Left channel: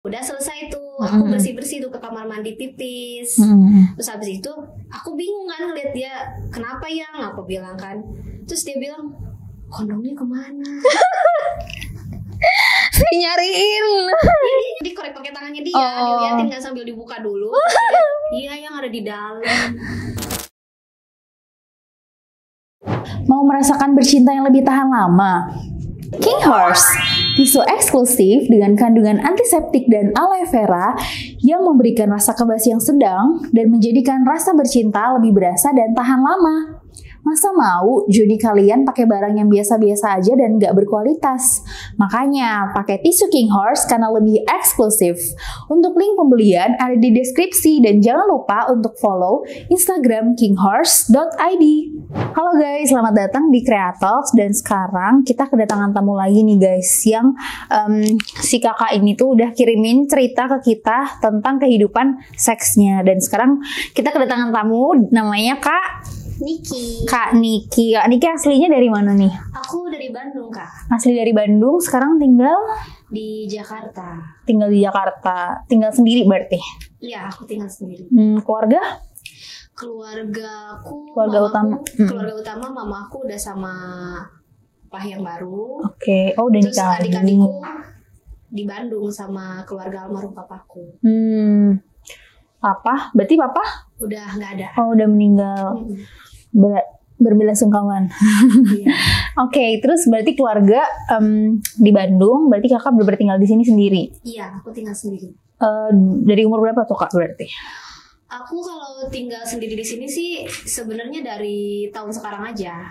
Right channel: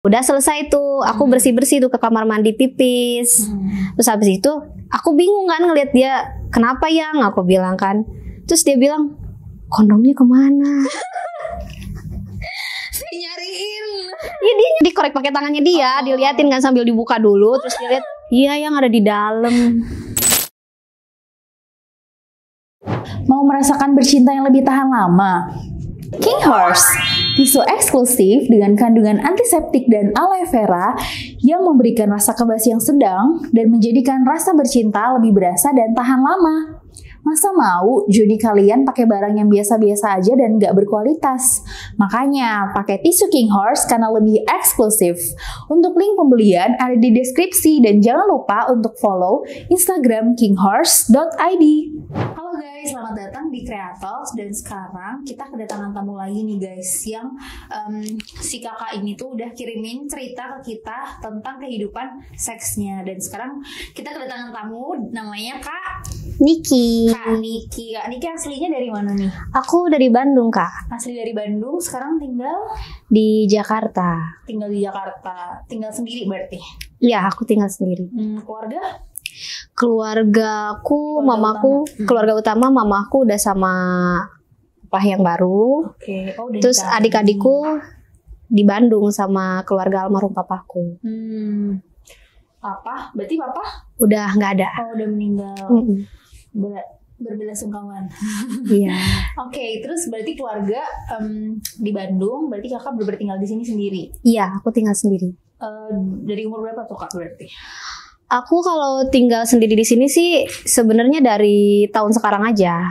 Udah selesai tuh, aku bersih-bersih tuh ke kamar mandi pipis. Terus habis itu aku bingung kan ngeliat dia, kenapa yang? Aku bilang kan. Terus dia bilang, kondomnya kemana? Nyariin. Ya dia dikorek pakai tangannya dia, diliatin kan sambil dibuka dulu. Terus dia lihat, iya yang ada di dalam. Mau merasakan bercinta yang lebih tahan lama? King Horse, tisu eksklusif dengan kandungan antiseptik dan aloe vera yang memberikan rasa kebas yang sedang dan menjadikan rasa bercinta lebih berasa dan tahan lama. Masa mau jodi kalian pakai barang yang biasa-biasa aja dan nggak berkualitas? Makanya pakai tisu King Horse karena lebih eksklusif. Untuk link pembelian ada di deskripsi dan jangan lupa untuk follow Instagram kinghorse.id. Halo guys, selamat datang di Creatox dan sekarang kita kedatangan tamu lagi nih guys yang si kakak ini tuh udah kirimin cerita ke kita tentang kehidupan seksnya dan sekarang kita kedatangan tamu namanya Kak Niki. Kak Niki aslinya dari mana nih? Aku dari Bandung, Kak. Asli dari Bandung, sekarang tinggal Di Jakarta. tinggal di Jakarta. Tinggal sendiri berarti? Iya, aku tinggal sendiri. Keluarga? Keluargaku, Keluarga mamaku, utama. keluarga utama mamaku udah sama Pak yang baru. Oke. Oh, udah Terus nikah. adik-adikku di Bandung sama keluarga almarhum papaku. Papa? Berarti papa? Udah nggak ada. Oh, udah meninggal. Berbelasungkawan. Iya. Oke, terus berarti keluarga di Bandung, berarti kakak benar tinggal di sini sendiri. Iya, aku tinggal sendiri. Dari umur berapa tuh kak berarti? Aku kalau tinggal sendiri di sini sih sebenarnya dari tahun sekarang aja.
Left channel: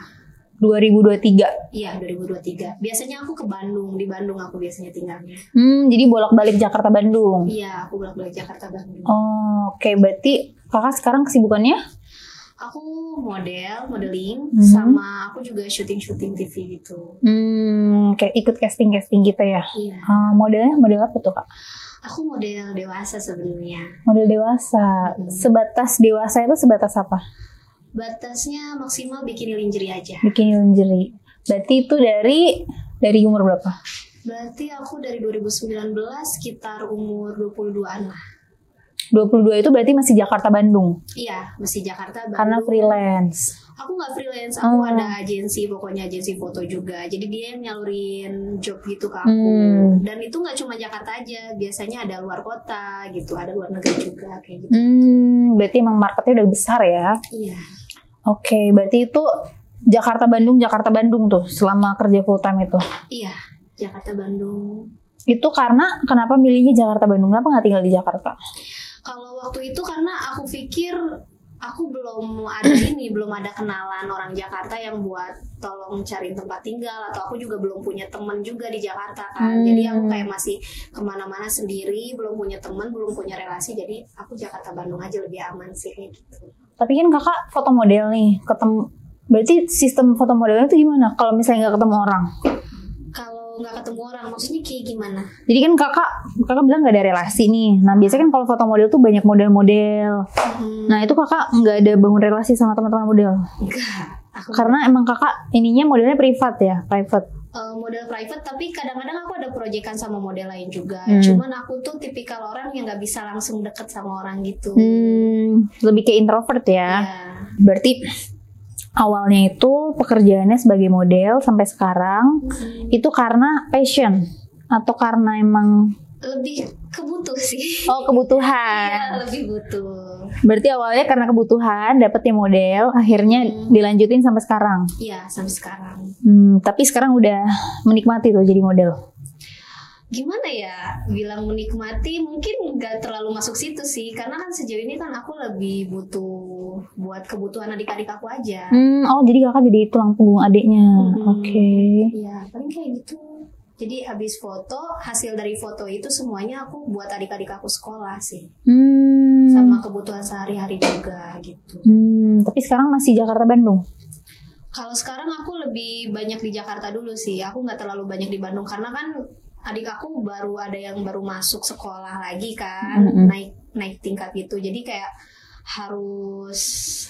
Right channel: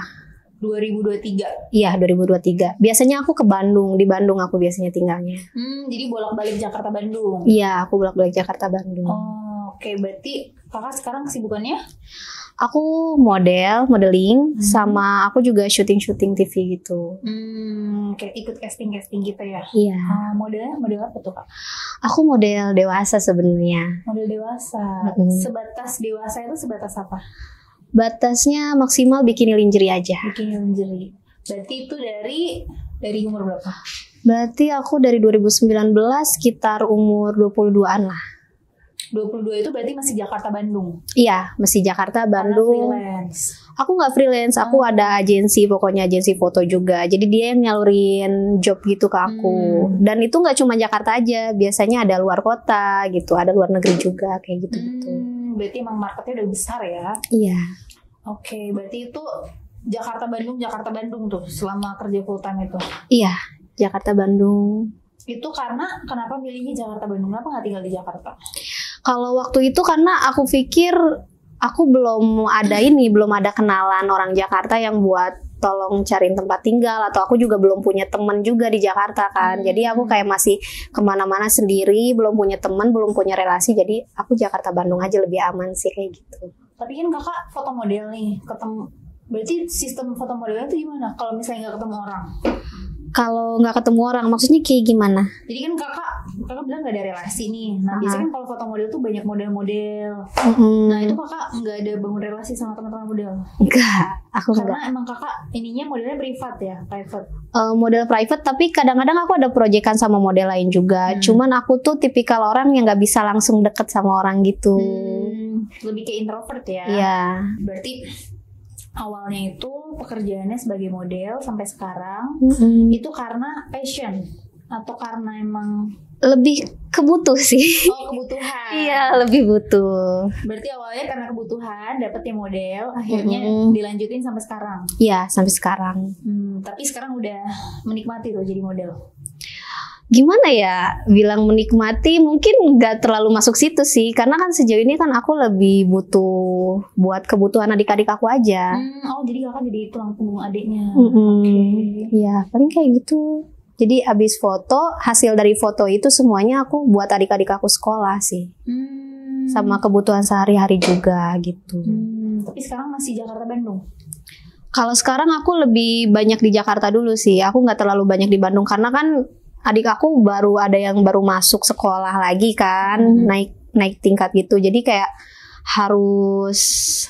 2023. Iya, 2023. Biasanya aku ke Bandung, di Bandung aku biasanya tinggalnya. Jadi bolak-balik Jakarta Bandung. Iya, aku bolak-balik Jakarta Bandung. Oh, oke, berarti kakak sekarang kesibukannya? Aku modeling, sama aku juga syuting TV gitu. Kayak ikut casting gitu ya? Iya. Modelnya model apa tuh kak? Aku model dewasa sebenarnya. Model dewasa. Sebatas dewasa itu sebatas apa? Batasnya maksimal bikini lingerie aja. Bikini lingerie. Berarti itu dari umur berapa? Berarti aku dari 2019 sekitar umur 22-an lah. 22 itu berarti masih Jakarta Bandung? Iya, masih Jakarta Karena Bandung. freelance? Aku nggak freelance, aku ada agensi, pokoknya agensi foto juga. Jadi dia yang nyalurin job gitu ke aku. Dan itu nggak cuma Jakarta aja, biasanya ada luar kota gitu, ada luar negeri juga kayak gitu. Berarti emang marketnya udah besar ya? Iya. Oke, berarti itu Jakarta Bandung tuh selama kerja full time itu? Iya, Jakarta Bandung. Itu karena kenapa milihnya Jakarta Bandung? Kenapa nggak tinggal di Jakarta? Kalau waktu itu karena aku pikir aku belum ada kenalan orang Jakarta yang buat tolong cariin tempat tinggal, atau aku juga belum punya teman juga di Jakarta kan. Jadi aku kayak masih kemana-mana sendiri, belum punya teman, belum punya relasi. Jadi aku Jakarta Bandung aja lebih aman sih kayak gitu. Tapi kan kakak foto model nih, berarti sistem foto modelnya itu gimana? Kalau misalnya nggak ketemu orang? Kalau nggak ketemu orang, maksudnya kayak gimana? Jadi kan kakak bilang nggak ada relasi nih. Nah biasanya kan kalau foto model tuh banyak model-model. Nah itu kakak nggak ada bangun relasi sama teman-teman model? Enggak. Aku Karena emang kakak ininya modelnya privat ya, private. Model private, tapi kadang-kadang aku ada proyekan sama model lain juga. Cuman aku tuh tipikal orang yang nggak bisa langsung deket sama orang gitu. Lebih ke introvert ya. Iya. Berarti awalnya itu pekerjaannya sebagai model sampai sekarang itu karena passion atau karena emang Lebih kebutuh sih. Oh, kebutuhan. Iya, lebih butuh. Berarti awalnya karena kebutuhan dapetnya model, akhirnya dilanjutin sampai sekarang. Iya, sampai sekarang. Tapi sekarang udah menikmati tuh jadi model. Gimana ya, bilang menikmati mungkin nggak terlalu masuk situ sih, karena kan sejauh ini kan aku lebih butuh buat kebutuhan adik-adik aku aja. Oh, jadi kakak jadi tulang punggung adiknya. Oke. Iya, paling kayak gitu. Jadi abis foto, hasil dari foto itu semuanya aku buat adik-adik aku sekolah sih. Sama kebutuhan sehari-hari juga gitu. Tapi sekarang masih Jakarta Bandung? Kalau sekarang aku lebih banyak di Jakarta dulu sih. Aku nggak terlalu banyak di Bandung karena kan adik aku ada yang baru masuk sekolah lagi kan, naik tingkat gitu. Jadi kayak harus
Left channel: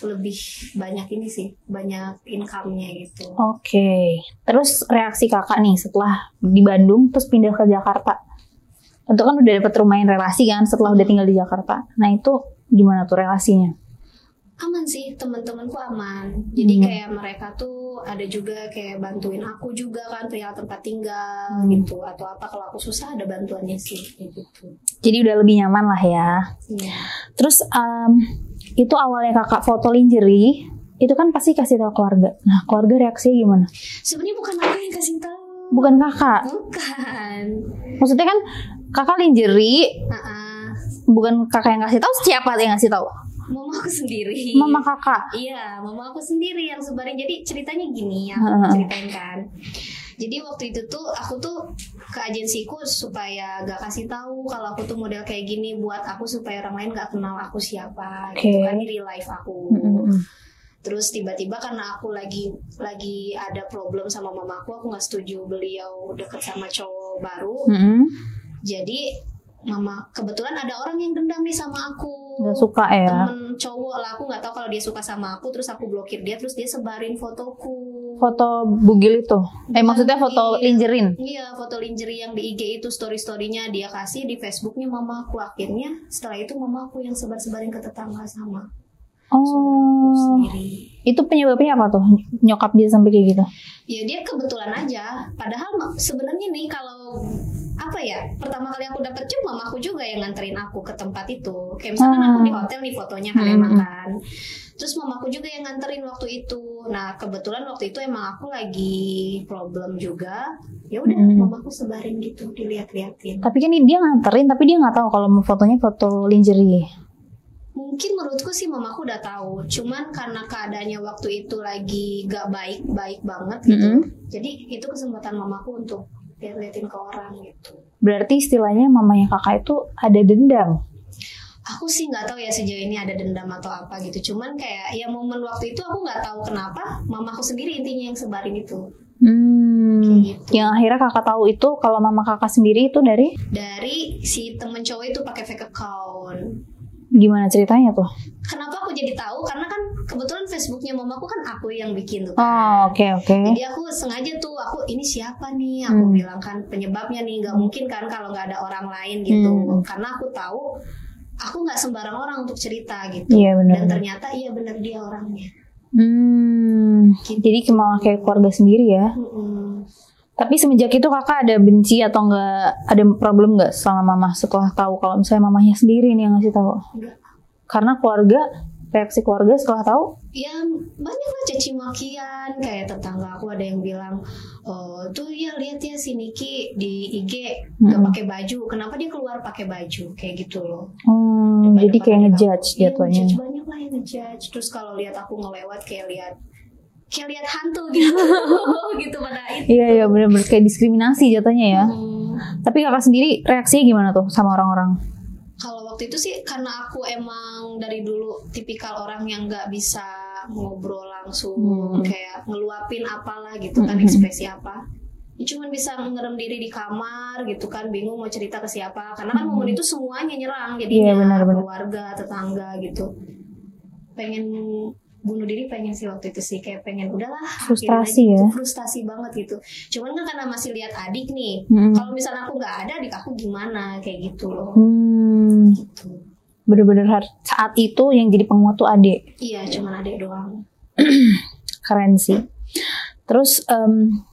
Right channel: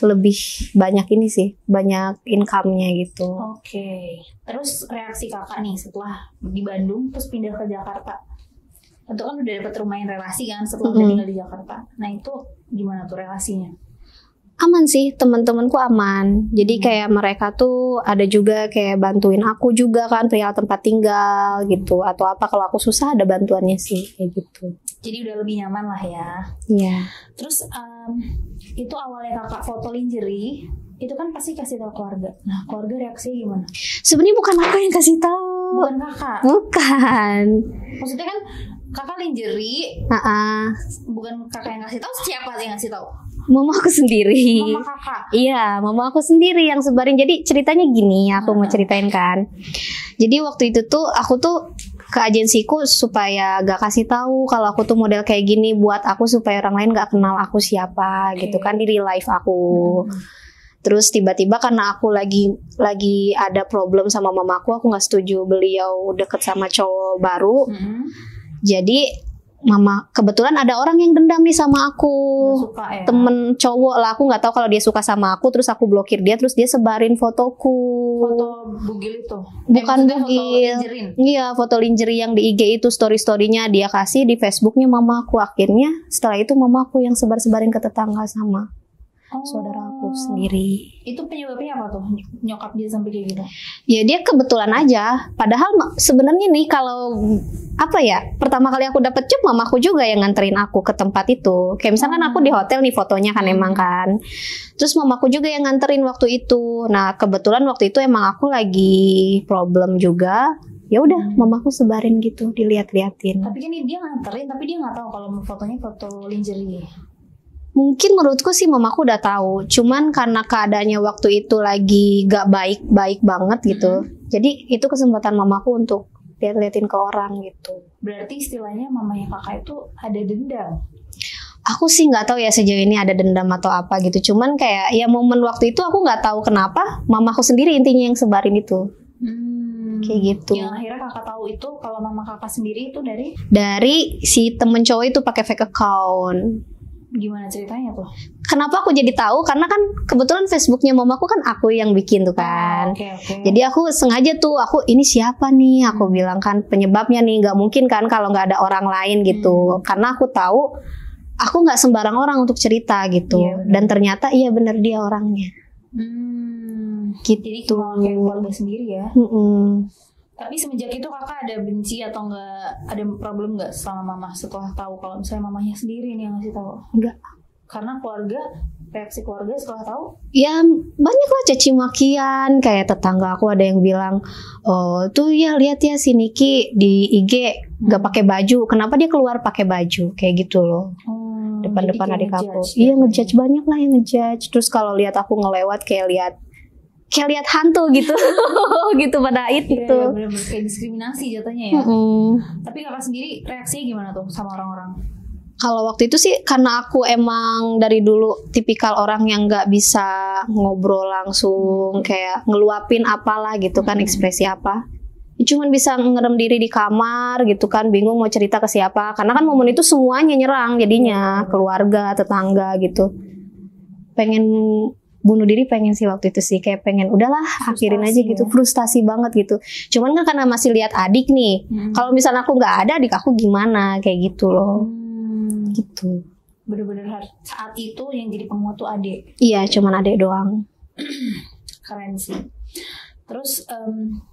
lebih banyak ini sih, banyak income-nya gitu. Oke. Terus reaksi kakak nih setelah di Bandung terus pindah ke Jakarta, Itu kan udah dapet lumayan relasi kan setelah udah tinggal di Jakarta. Nah itu gimana tuh relasinya? Aman sih, teman-temanku aman. Jadi kayak mereka tuh ada juga kayak bantuin aku juga kan perihal tempat tinggal gitu, atau apa kalau aku susah ada bantuannya sih kayak gitu. Jadi udah lebih nyaman lah ya. Iya. Terus itu awalnya kakak foto lingerie, itu kan pasti kasih tahu keluarga. Nah keluarga reaksinya gimana? Sebenarnya bukan aku yang kasih tahu. Bukan kakak. Bukan. Maksudnya kan kakak lingerie, bukan kakak yang kasih tahu, siapa yang ngasih tahu? Mama aku sendiri. Mama kakak. Iya, mama aku sendiri yang sebarin. Jadi ceritanya gini, aku mau ceritain kan. Jadi waktu itu tuh aku tuh ke agensiku supaya gak kasih tahu kalau aku tuh model kayak gini buat aku supaya orang lain gak kenal aku siapa gitu kan, di real life aku. Terus tiba-tiba karena aku lagi ada problem sama mamaku, aku nggak setuju beliau deket sama cowok baru. Jadi mama kebetulan ada orang yang dendam nih sama aku, gak suka ya, temen cowok lah, aku nggak tahu kalau dia suka sama aku, terus aku blokir dia, terus dia sebarin fotoku, foto bugil itu. Maksudnya bugil. foto lingerie. Iya, foto lingerie yang di IG itu, story-storynya dia kasih di Facebooknya mamaku. Akhirnya setelah itu mamaku yang sebar-sebarin ke tetangga sama saudaraku sendiri. Itu penyebabnya apa tuh? Nyokap dia sampai kayak gitu? Ya dia kebetulan aja. Padahal sebenarnya nih kalau apa ya, pertama kali aku dapet job mamaku juga yang nganterin aku ke tempat itu. Kayak misalkan aku di hotel nih fotonya kan emang kan. Terus mamaku juga yang nganterin waktu itu. Nah kebetulan waktu itu emang aku lagi problem juga. Ya udah mamaku sebarin gitu, dilihat-liatin. Tapi kan dia nganterin, tapi dia nggak tahu kalau fotonya foto lingerie. Mungkin menurutku sih mamaku udah tahu, cuman karena keadaannya waktu itu lagi gak baik banget gitu, jadi itu kesempatan mamaku untuk liatin ke orang gitu. Berarti istilahnya mamanya kakak itu ada dendam? Aku sih nggak tahu ya sejauh ini ada dendam atau apa gitu, cuman kayak ya momen waktu itu aku nggak tahu kenapa mamaku sendiri intinya yang sebarin itu. Kayak gitu. Yang akhirnya kakak tahu itu kalau mama kakak sendiri itu dari si temen cowok itu pakai fake account. Gimana ceritanya tuh? Kenapa aku jadi tahu? Karena kan kebetulan Facebooknya mamaku kan aku yang bikin tuh kan. Oke. Jadi aku sengaja tuh, aku ini siapa nih? Aku bilang kan penyebabnya nih, nggak mungkin kan kalau nggak ada orang lain gitu. Karena aku tahu aku nggak sembarang orang untuk cerita gitu. Iya, dan ternyata iya benar dia orangnya. Gitu. Jadi kemauan kayak keluarga sendiri ya. Tapi semenjak itu kakak ada benci atau nggak, ada problem nggak sama mama setelah tahu kalau misalnya mamanya sendiri nih yang ngasih tahu? Enggak. Karena reaksi keluarga setelah tahu? Ya banyak lah caci makian, kayak tetangga aku ada yang bilang, oh tuh ya lihat ya si Niki di IG nggak pakai baju, kenapa dia keluar pakai baju, kayak gitu loh. Jadi kayak ngejudge. Iya ngejudge, banyak lah yang ngejudge. Terus kalau lihat aku ngelewat kayak lihat hantu gitu. Gitu pada itu. Iya benar-benar kayak diskriminasi jatuhnya ya. Tapi kakak sendiri reaksinya gimana tuh sama orang-orang? Kalau waktu itu sih karena aku emang dari dulu tipikal orang yang nggak bisa ngobrol langsung, kayak ngeluapin apalah gitu kan, ekspresi apa. Cuman bisa ngerem diri di kamar gitu kan, bingung mau cerita ke siapa. Karena kan momen itu semuanya nyerang jadinya, keluarga, tetangga gitu. Pengen bunuh diri pengen sih waktu itu sih, kayak pengen udahlah akhirin aja gitu, frustasi banget gitu. Cuman kan karena masih lihat adik nih, kalau misalnya aku nggak ada adik aku gimana, kayak gitu loh. Gitu. Bener-bener saat itu yang jadi penguat tuh adik. Iya, cuman adik doang. Keren sih. Terus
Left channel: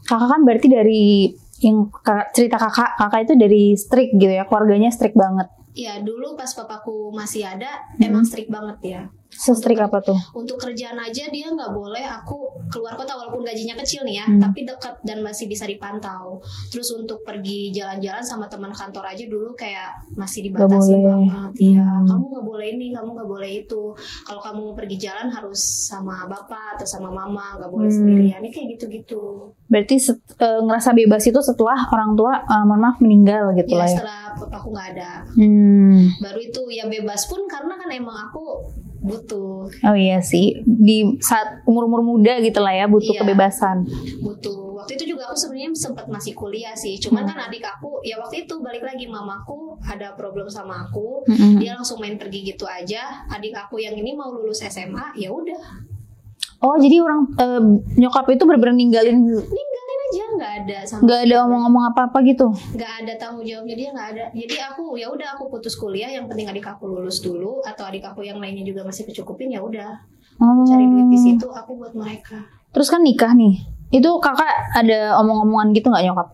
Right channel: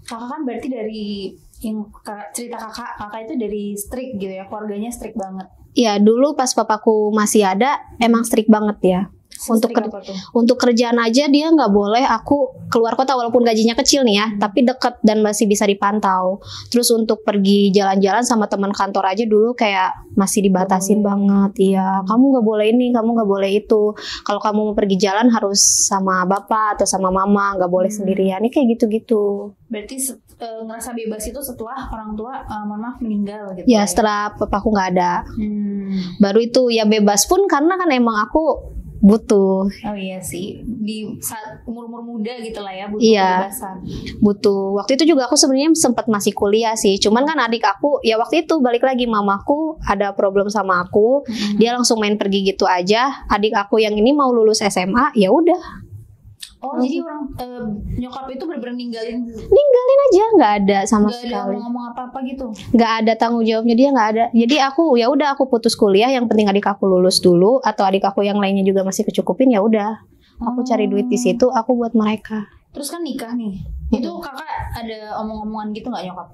kakak kan berarti dari yang cerita kakak itu dari strict gitu ya, keluarganya strict banget. Iya, dulu pas papaku masih ada emang strict banget ya. Untuk apa tuh? Untuk kerjaan aja dia nggak boleh aku keluar kota walaupun gajinya kecil nih ya, tapi deket dan masih bisa dipantau. Terus untuk pergi jalan-jalan sama teman kantor aja dulu kayak masih dibatasin banget. Iya, kamu nggak boleh ini, kamu nggak boleh itu. Kalau kamu mau pergi jalan harus sama bapak atau sama mama, nggak boleh sendirian. Ini kayak gitu-gitu. Berarti ngerasa bebas itu setelah orang tua mohon maaf meninggal gitu ya? Setelah papaku nggak ada. Baru itu ya bebas pun karena kan emang aku butuh. Oh iya sih, di saat umur-umur muda gitu lah ya, butuh kebebasan. Butuh. Waktu itu juga aku sebenarnya sempat masih kuliah sih. Cuman kan adik aku ya waktu itu balik lagi mamaku ada problem sama aku. Dia langsung main pergi gitu aja. Adik aku yang ini mau lulus SMA, ya udah. Oh, jadi orang nyokap itu bener-bener ninggalin aja, nggak ada sama nggak ada sekali. ngomong-ngomong apa-apa gitu. Nggak ada tanggung jawabnya, dia nggak ada. Jadi aku ya udah, aku putus kuliah, yang penting adik aku lulus dulu, atau adik aku yang lainnya juga masih kecukupin, ya udah aku cari duit di situ, aku buat mereka. Terus kan nikah nih, itu kakak ada omong-omongan gitu nggak nyokap?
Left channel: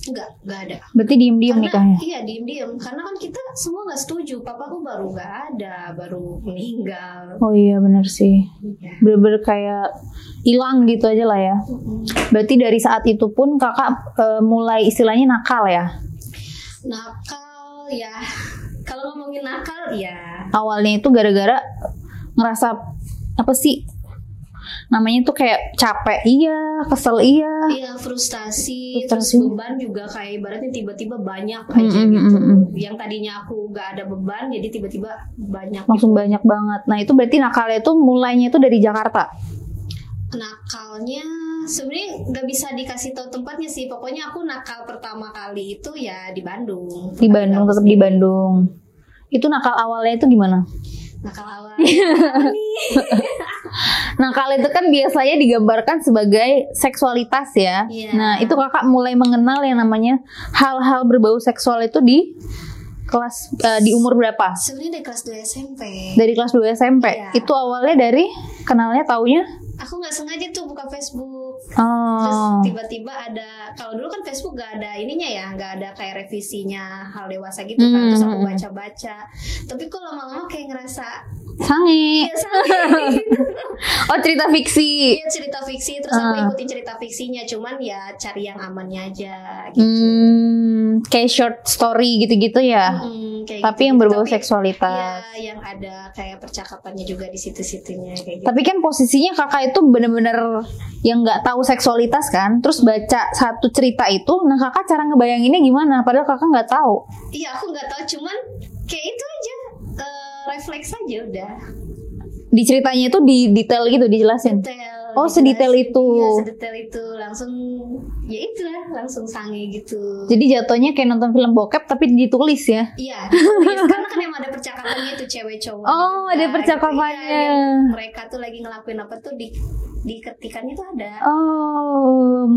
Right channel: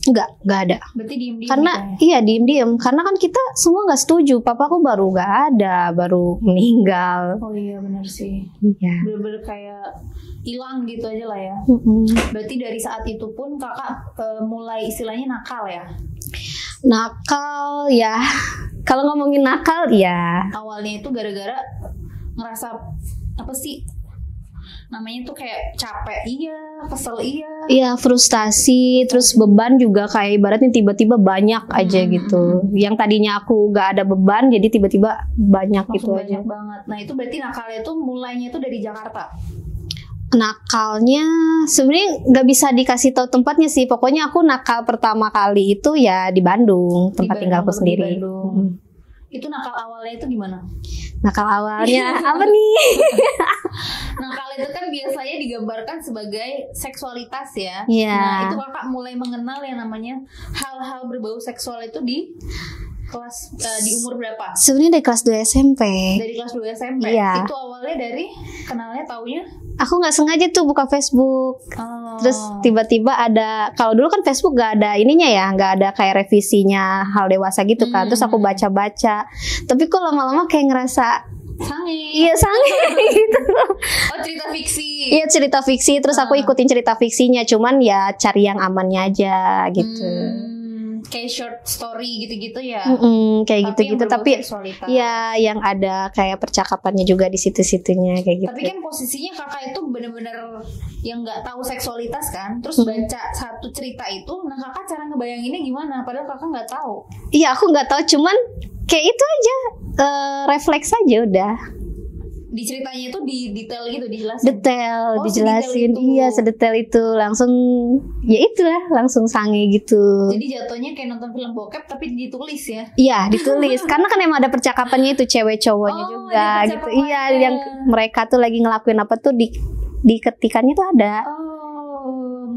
Nggak ada. Berarti diem-diem Karena nikahnya? iya diem-diem, karena kan kita semua nggak setuju. Papaku baru nggak ada, baru meninggal. Oh iya benar sih. Iya. Bener-bener kayak hilang gitu aja lah ya. Berarti dari saat itu pun kakak mulai istilahnya nakal ya? Nakal ya. Kalau ngomongin nakal ya, Awalnya itu gara-gara ngerasa apa sih? Namanya tuh kayak capek iya, kesel iya. iya frustasi, terus beban juga kayak ibaratnya tiba-tiba banyak aja gitu. Yang tadinya aku nggak ada beban, jadi tiba-tiba banyak Langsung gitu banyak aja. banget. Nah itu berarti nakalnya itu mulainya itu dari Jakarta. Nakalnya sebenarnya nggak bisa dikasih tahu tempatnya sih. Pokoknya aku nakal pertama kali itu ya di Bandung, Di tempat tinggalku Bandung, tetap di sendiri. Bandung. Itu nakal awalnya itu gimana? Nakal awalnya apa nih? Nakal itu kan biasanya digambarkan sebagai seksualitas ya. Iya. Nah itu kakak mulai mengenal yang namanya hal-hal berbau seksual itu di kelas di umur berapa? Sebenarnya dari kelas 2 SMP. Dari kelas 2 SMP. Iya. Itu awalnya dari kenalnya taunya? Aku nggak sengaja tuh buka Facebook. Oh. Terus tiba-tiba ada, kalau dulu kan Facebook gak ada ininya ya, nggak ada kayak revisinya hal dewasa gitu kan. Terus aku baca-baca, tapi kok lama-lama kayak ngerasa sange. iya sange gitu. Oh cerita fiksi. Iya cerita fiksi, terus aku ikutin cerita fiksinya, cuman ya cari yang amannya aja gitu. Kayak short story gitu-gitu ya. Kayak Tapi yang gitu, berbau tapi seksualitas. ya yang ada kayak percakapannya juga di situ-situnya kayak gitu. Tapi kan posisinya kakak itu bener-bener yang nggak tahu seksualitas kan, terus baca satu cerita itu, nah kakak cara ngebayanginnya gimana? Padahal kakak nggak tahu. Iya aku nggak tahu, cuman kayak itu aja, refleks aja udah. Di ceritanya itu di detail gitu dijelasin. Detail, Oh, sedetail dijelasin. itu. Iya sedetail itu, langsung ya itulah, langsung sange gitu. Jadi jatuhnya kayak nonton film bokep tapi ditulis ya. Iya ditulis karena kan emang ada percakapannya itu cewek cowoknya Oh, juga. ada percakapannya. Gitu. Iya yang mereka tuh lagi ngelakuin apa tuh di ketikannya tuh ada. Oh,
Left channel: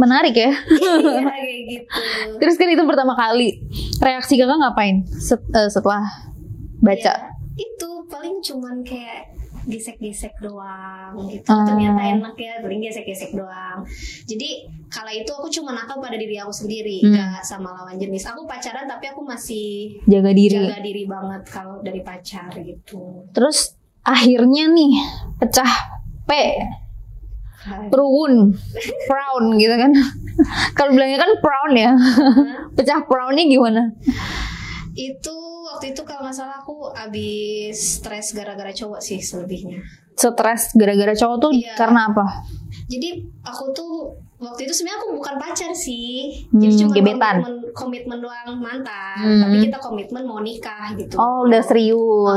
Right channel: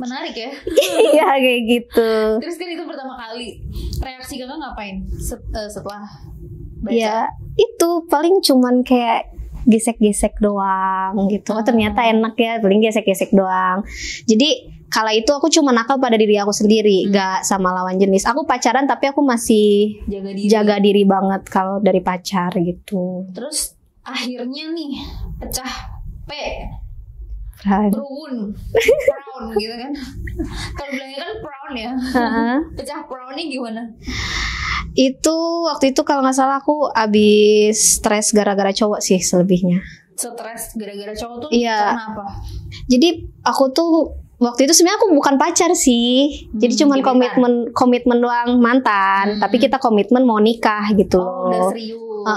menarik ya. Iya kayak gitu. Terus kan itu pertama kali. Reaksi kakak ngapain setelah baca? Ya, itu paling cuman kayak gesek-gesek doang gitu. Oh, ternyata enak ya, paling gesek-gesek doang. Jadi kala itu aku cuma nakal pada diri aku sendiri, gak sama lawan jenis. Aku pacaran tapi aku masih jaga diri banget kalau dari pacar gitu. Terus akhirnya nih pecah Perun, frown gitu kan. Kalau bilangnya kan frown ya. Pecah frownnya gimana? Itu waktu itu kalau nggak salah aku abis stres gara-gara cowok sih selebihnya. Stres gara-gara cowok tuh karena apa? Jadi aku tuh waktu itu sebenarnya aku bukan pacar sih. Jadi cuma komitmen doang mantan. Tapi kita komitmen mau nikah gitu. Oh udah serius.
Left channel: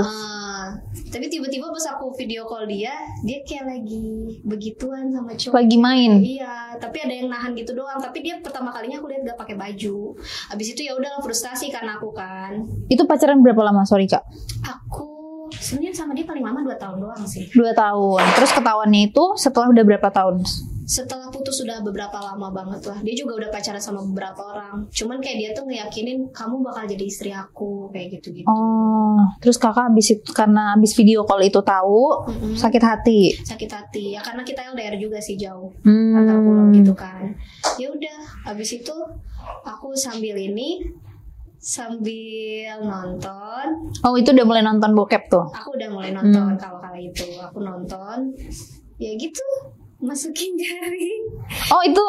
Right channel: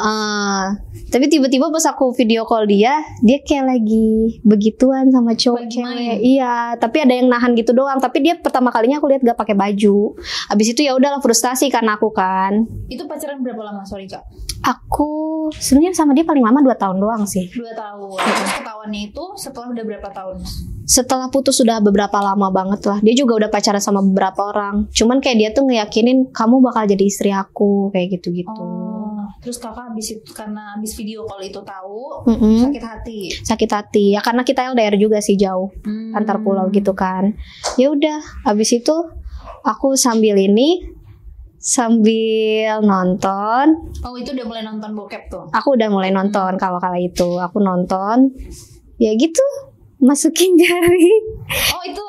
Tapi tiba-tiba pas aku video call dia kayak lagi begituan sama cowok. Lagi main. Iya. Tapi ada yang nahan gitu doang. Tapi dia pertama kalinya aku lihat gak pakai baju. Abis itu ya udahlah frustasi karena aku kan. Itu pacaran berapa lama sorry kak? Aku sebenarnya sama dia paling lama 2 tahun doang sih. 2 tahun. Terus ketahuannya itu setelah udah berapa tahun? Setelah putus sudah beberapa lama banget lah. Dia juga udah pacaran sama beberapa orang. Cuman kayak dia tuh ngeyakinin kamu bakal jadi istri aku kayak gitu-gitu. Oh, terus kakak karena abis video call itu tahu sakit hati. Sakit hati ya karena kita LDR juga sih jauh antar pulau gitu kan. Ya udah, abis itu aku sambil nonton. Oh itu udah mulai nonton bokep tuh? Aku udah mulai nonton kalau kala itu. Aku nonton. Ya gitu. Masukin jari. Oh itu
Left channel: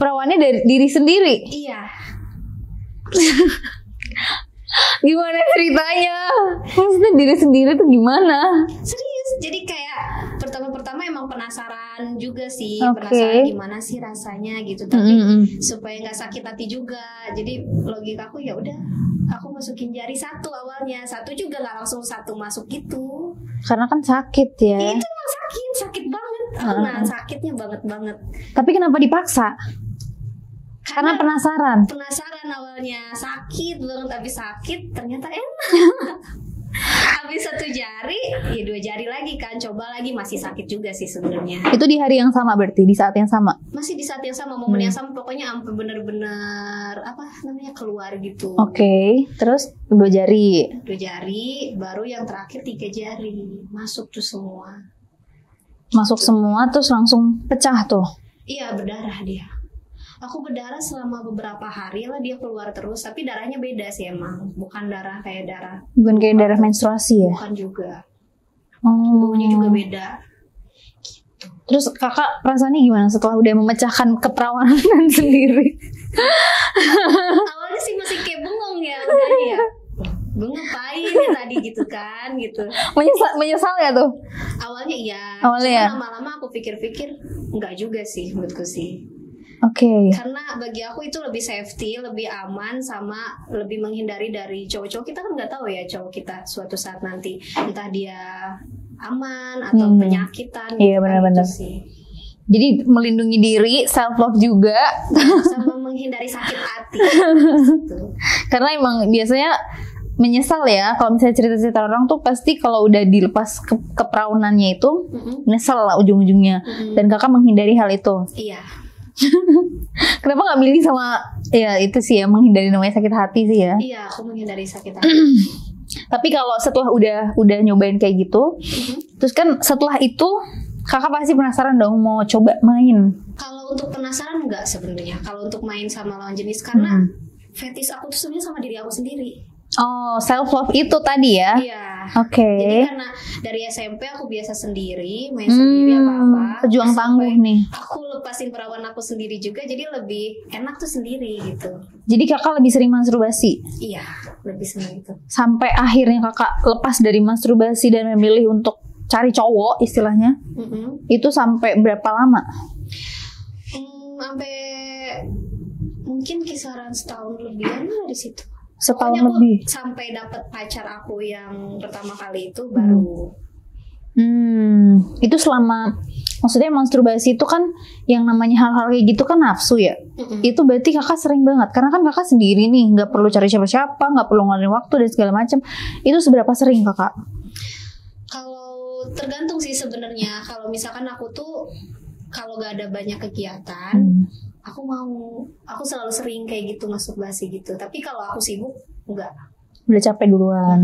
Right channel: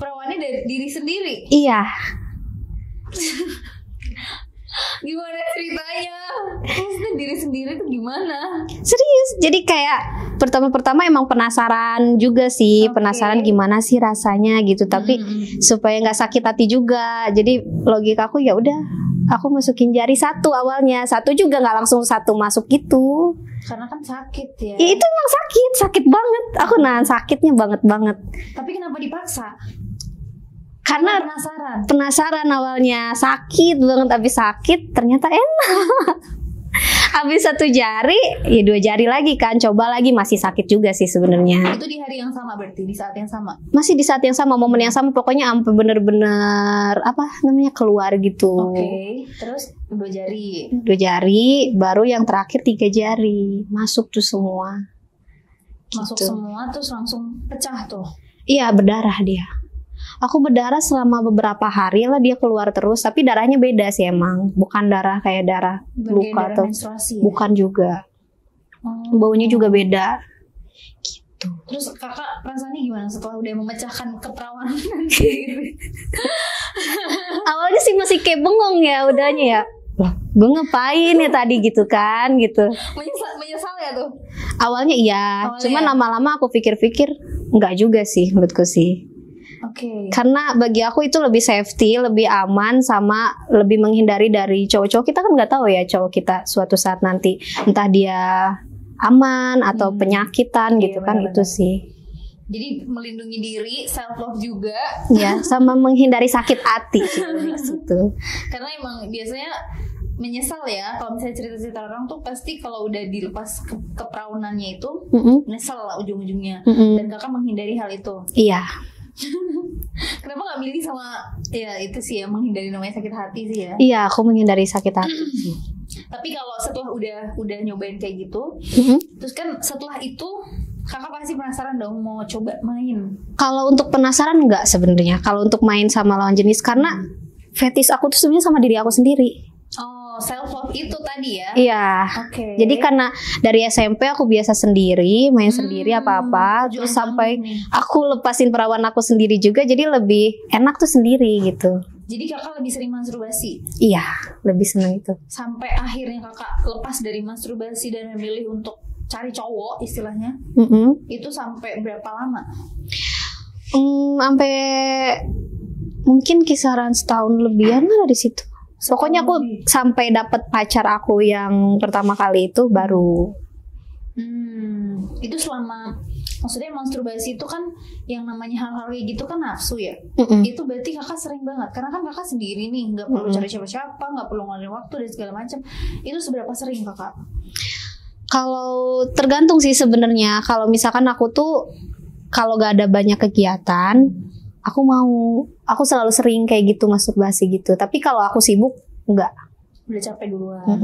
perawannya dari diri sendiri? Iya. Gimana ceritanya? Maksudnya diri sendiri tuh gimana? Serius. Jadi kayak pertama-pertama emang penasaran juga sih. Penasaran gimana sih rasanya gitu. Tapi supaya nggak sakit hati juga. Jadi logika aku ya udah. Aku masukin jari 1 awalnya. 1 juga nggak langsung 1 masuk gitu. Karena kan sakit ya. Ya itu emang sakit banget. Aku nahan sakitnya banget. Tapi kenapa dipaksa? Karena penasaran awalnya sakit banget, tapi sakit ternyata enak. Habis 1 jari, ya 2 jari lagi kan. Coba lagi, masih sakit juga sih sebenarnya. Itu di hari yang sama berarti, di saat yang sama? Masih di saat yang sama, momen yang sama. Pokoknya sampai bener-bener apa namanya keluar gitu. Oke. Terus 2 jari. 2 jari, baru yang terakhir 3 jari. Masuk tuh semua. Masuk semua terus langsung pecah tuh. Iya, berdarah dia. Aku berdarah selama beberapa hari lah, dia keluar terus. Tapi darahnya beda sih emang. Bukan darah kayak darah Bukan kayak luka darah tuh. menstruasi ya? Bukan juga. Oh. Baunya juga beda. Gitu. Terus kakak rasanya gimana setelah udah memecahkan keperawanan sendiri? Awalnya sih masih kayak bengong ya udahnya ya. Gue ngapain ya tadi gitu kan gitu. Menyesal ya tuh? Awalnya iya. Awalnya Cuman ya? lama-lama aku pikir-pikir enggak juga sih menurutku sih. Oke. Karena bagi aku itu lebih safety, lebih aman, sama lebih menghindari dari cowok-cowok. Kita kan nggak tahu ya cowok kita suatu saat nanti entah dia aman atau penyakitan gitu Iya, kan. benar-benar. Itu sih. Jadi melindungi diri, self love juga. Ya, sama menghindari sakit hati gitu. Karena emang biasanya menyesal ya kalau misalnya cerita-cerita orang tuh pasti kalau udah dilepas keperawanannya itu nyesel lah ujung-ujungnya. Dan kakak menghindari hal itu. Iya. Kenapa nggak milih sama ya itu sih ya, menghindari namanya sakit hati sih ya. Iya, aku menghindari sakit hati. Tapi kalau setelah udah nyobain kayak gitu, terus kan setelah itu kakak pasti penasaran dong mau coba main. Kalau untuk penasaran enggak sebenarnya. Kalau untuk main sama lawan jenis, karena fetish aku tuh sebenarnya sama diri aku sendiri. Oh, self love itu tadi ya? Iya. Oke. Jadi karena dari SMP aku biasa sendiri, main sendiri apa-apa, pejuang terus sampai tangguh nih. aku lepasin perawan aku sendiri juga, jadi lebih enak tuh sendiri gitu. Jadi kakak lebih sering masturbasi? Iya, lebih seneng itu. Sampai akhirnya kakak lepas dari masturbasi dan memilih untuk cari cowok istilahnya, itu sampai berapa lama? Sampai mungkin kisaran setahun lebihan lah di situ. Pokoknya aku lebih. sampai dapet pacar aku yang pertama kali itu baru. Itu selama, maksudnya masturbasi itu kan yang namanya hal-hal kayak gitu kan nafsu ya. Itu berarti kakak sering banget, karena kan kakak sendiri nih, nggak perlu cari siapa-siapa, nggak perlu ngeluarin waktu dan segala macam. Itu seberapa sering kakak? Kalau tergantung sih sebenarnya. Kalau misalkan aku tuh kalau gak ada banyak kegiatan, aku selalu sering kayak gitu masturbasi gitu. Tapi kalau aku sibuk enggak, Udah capek duluan.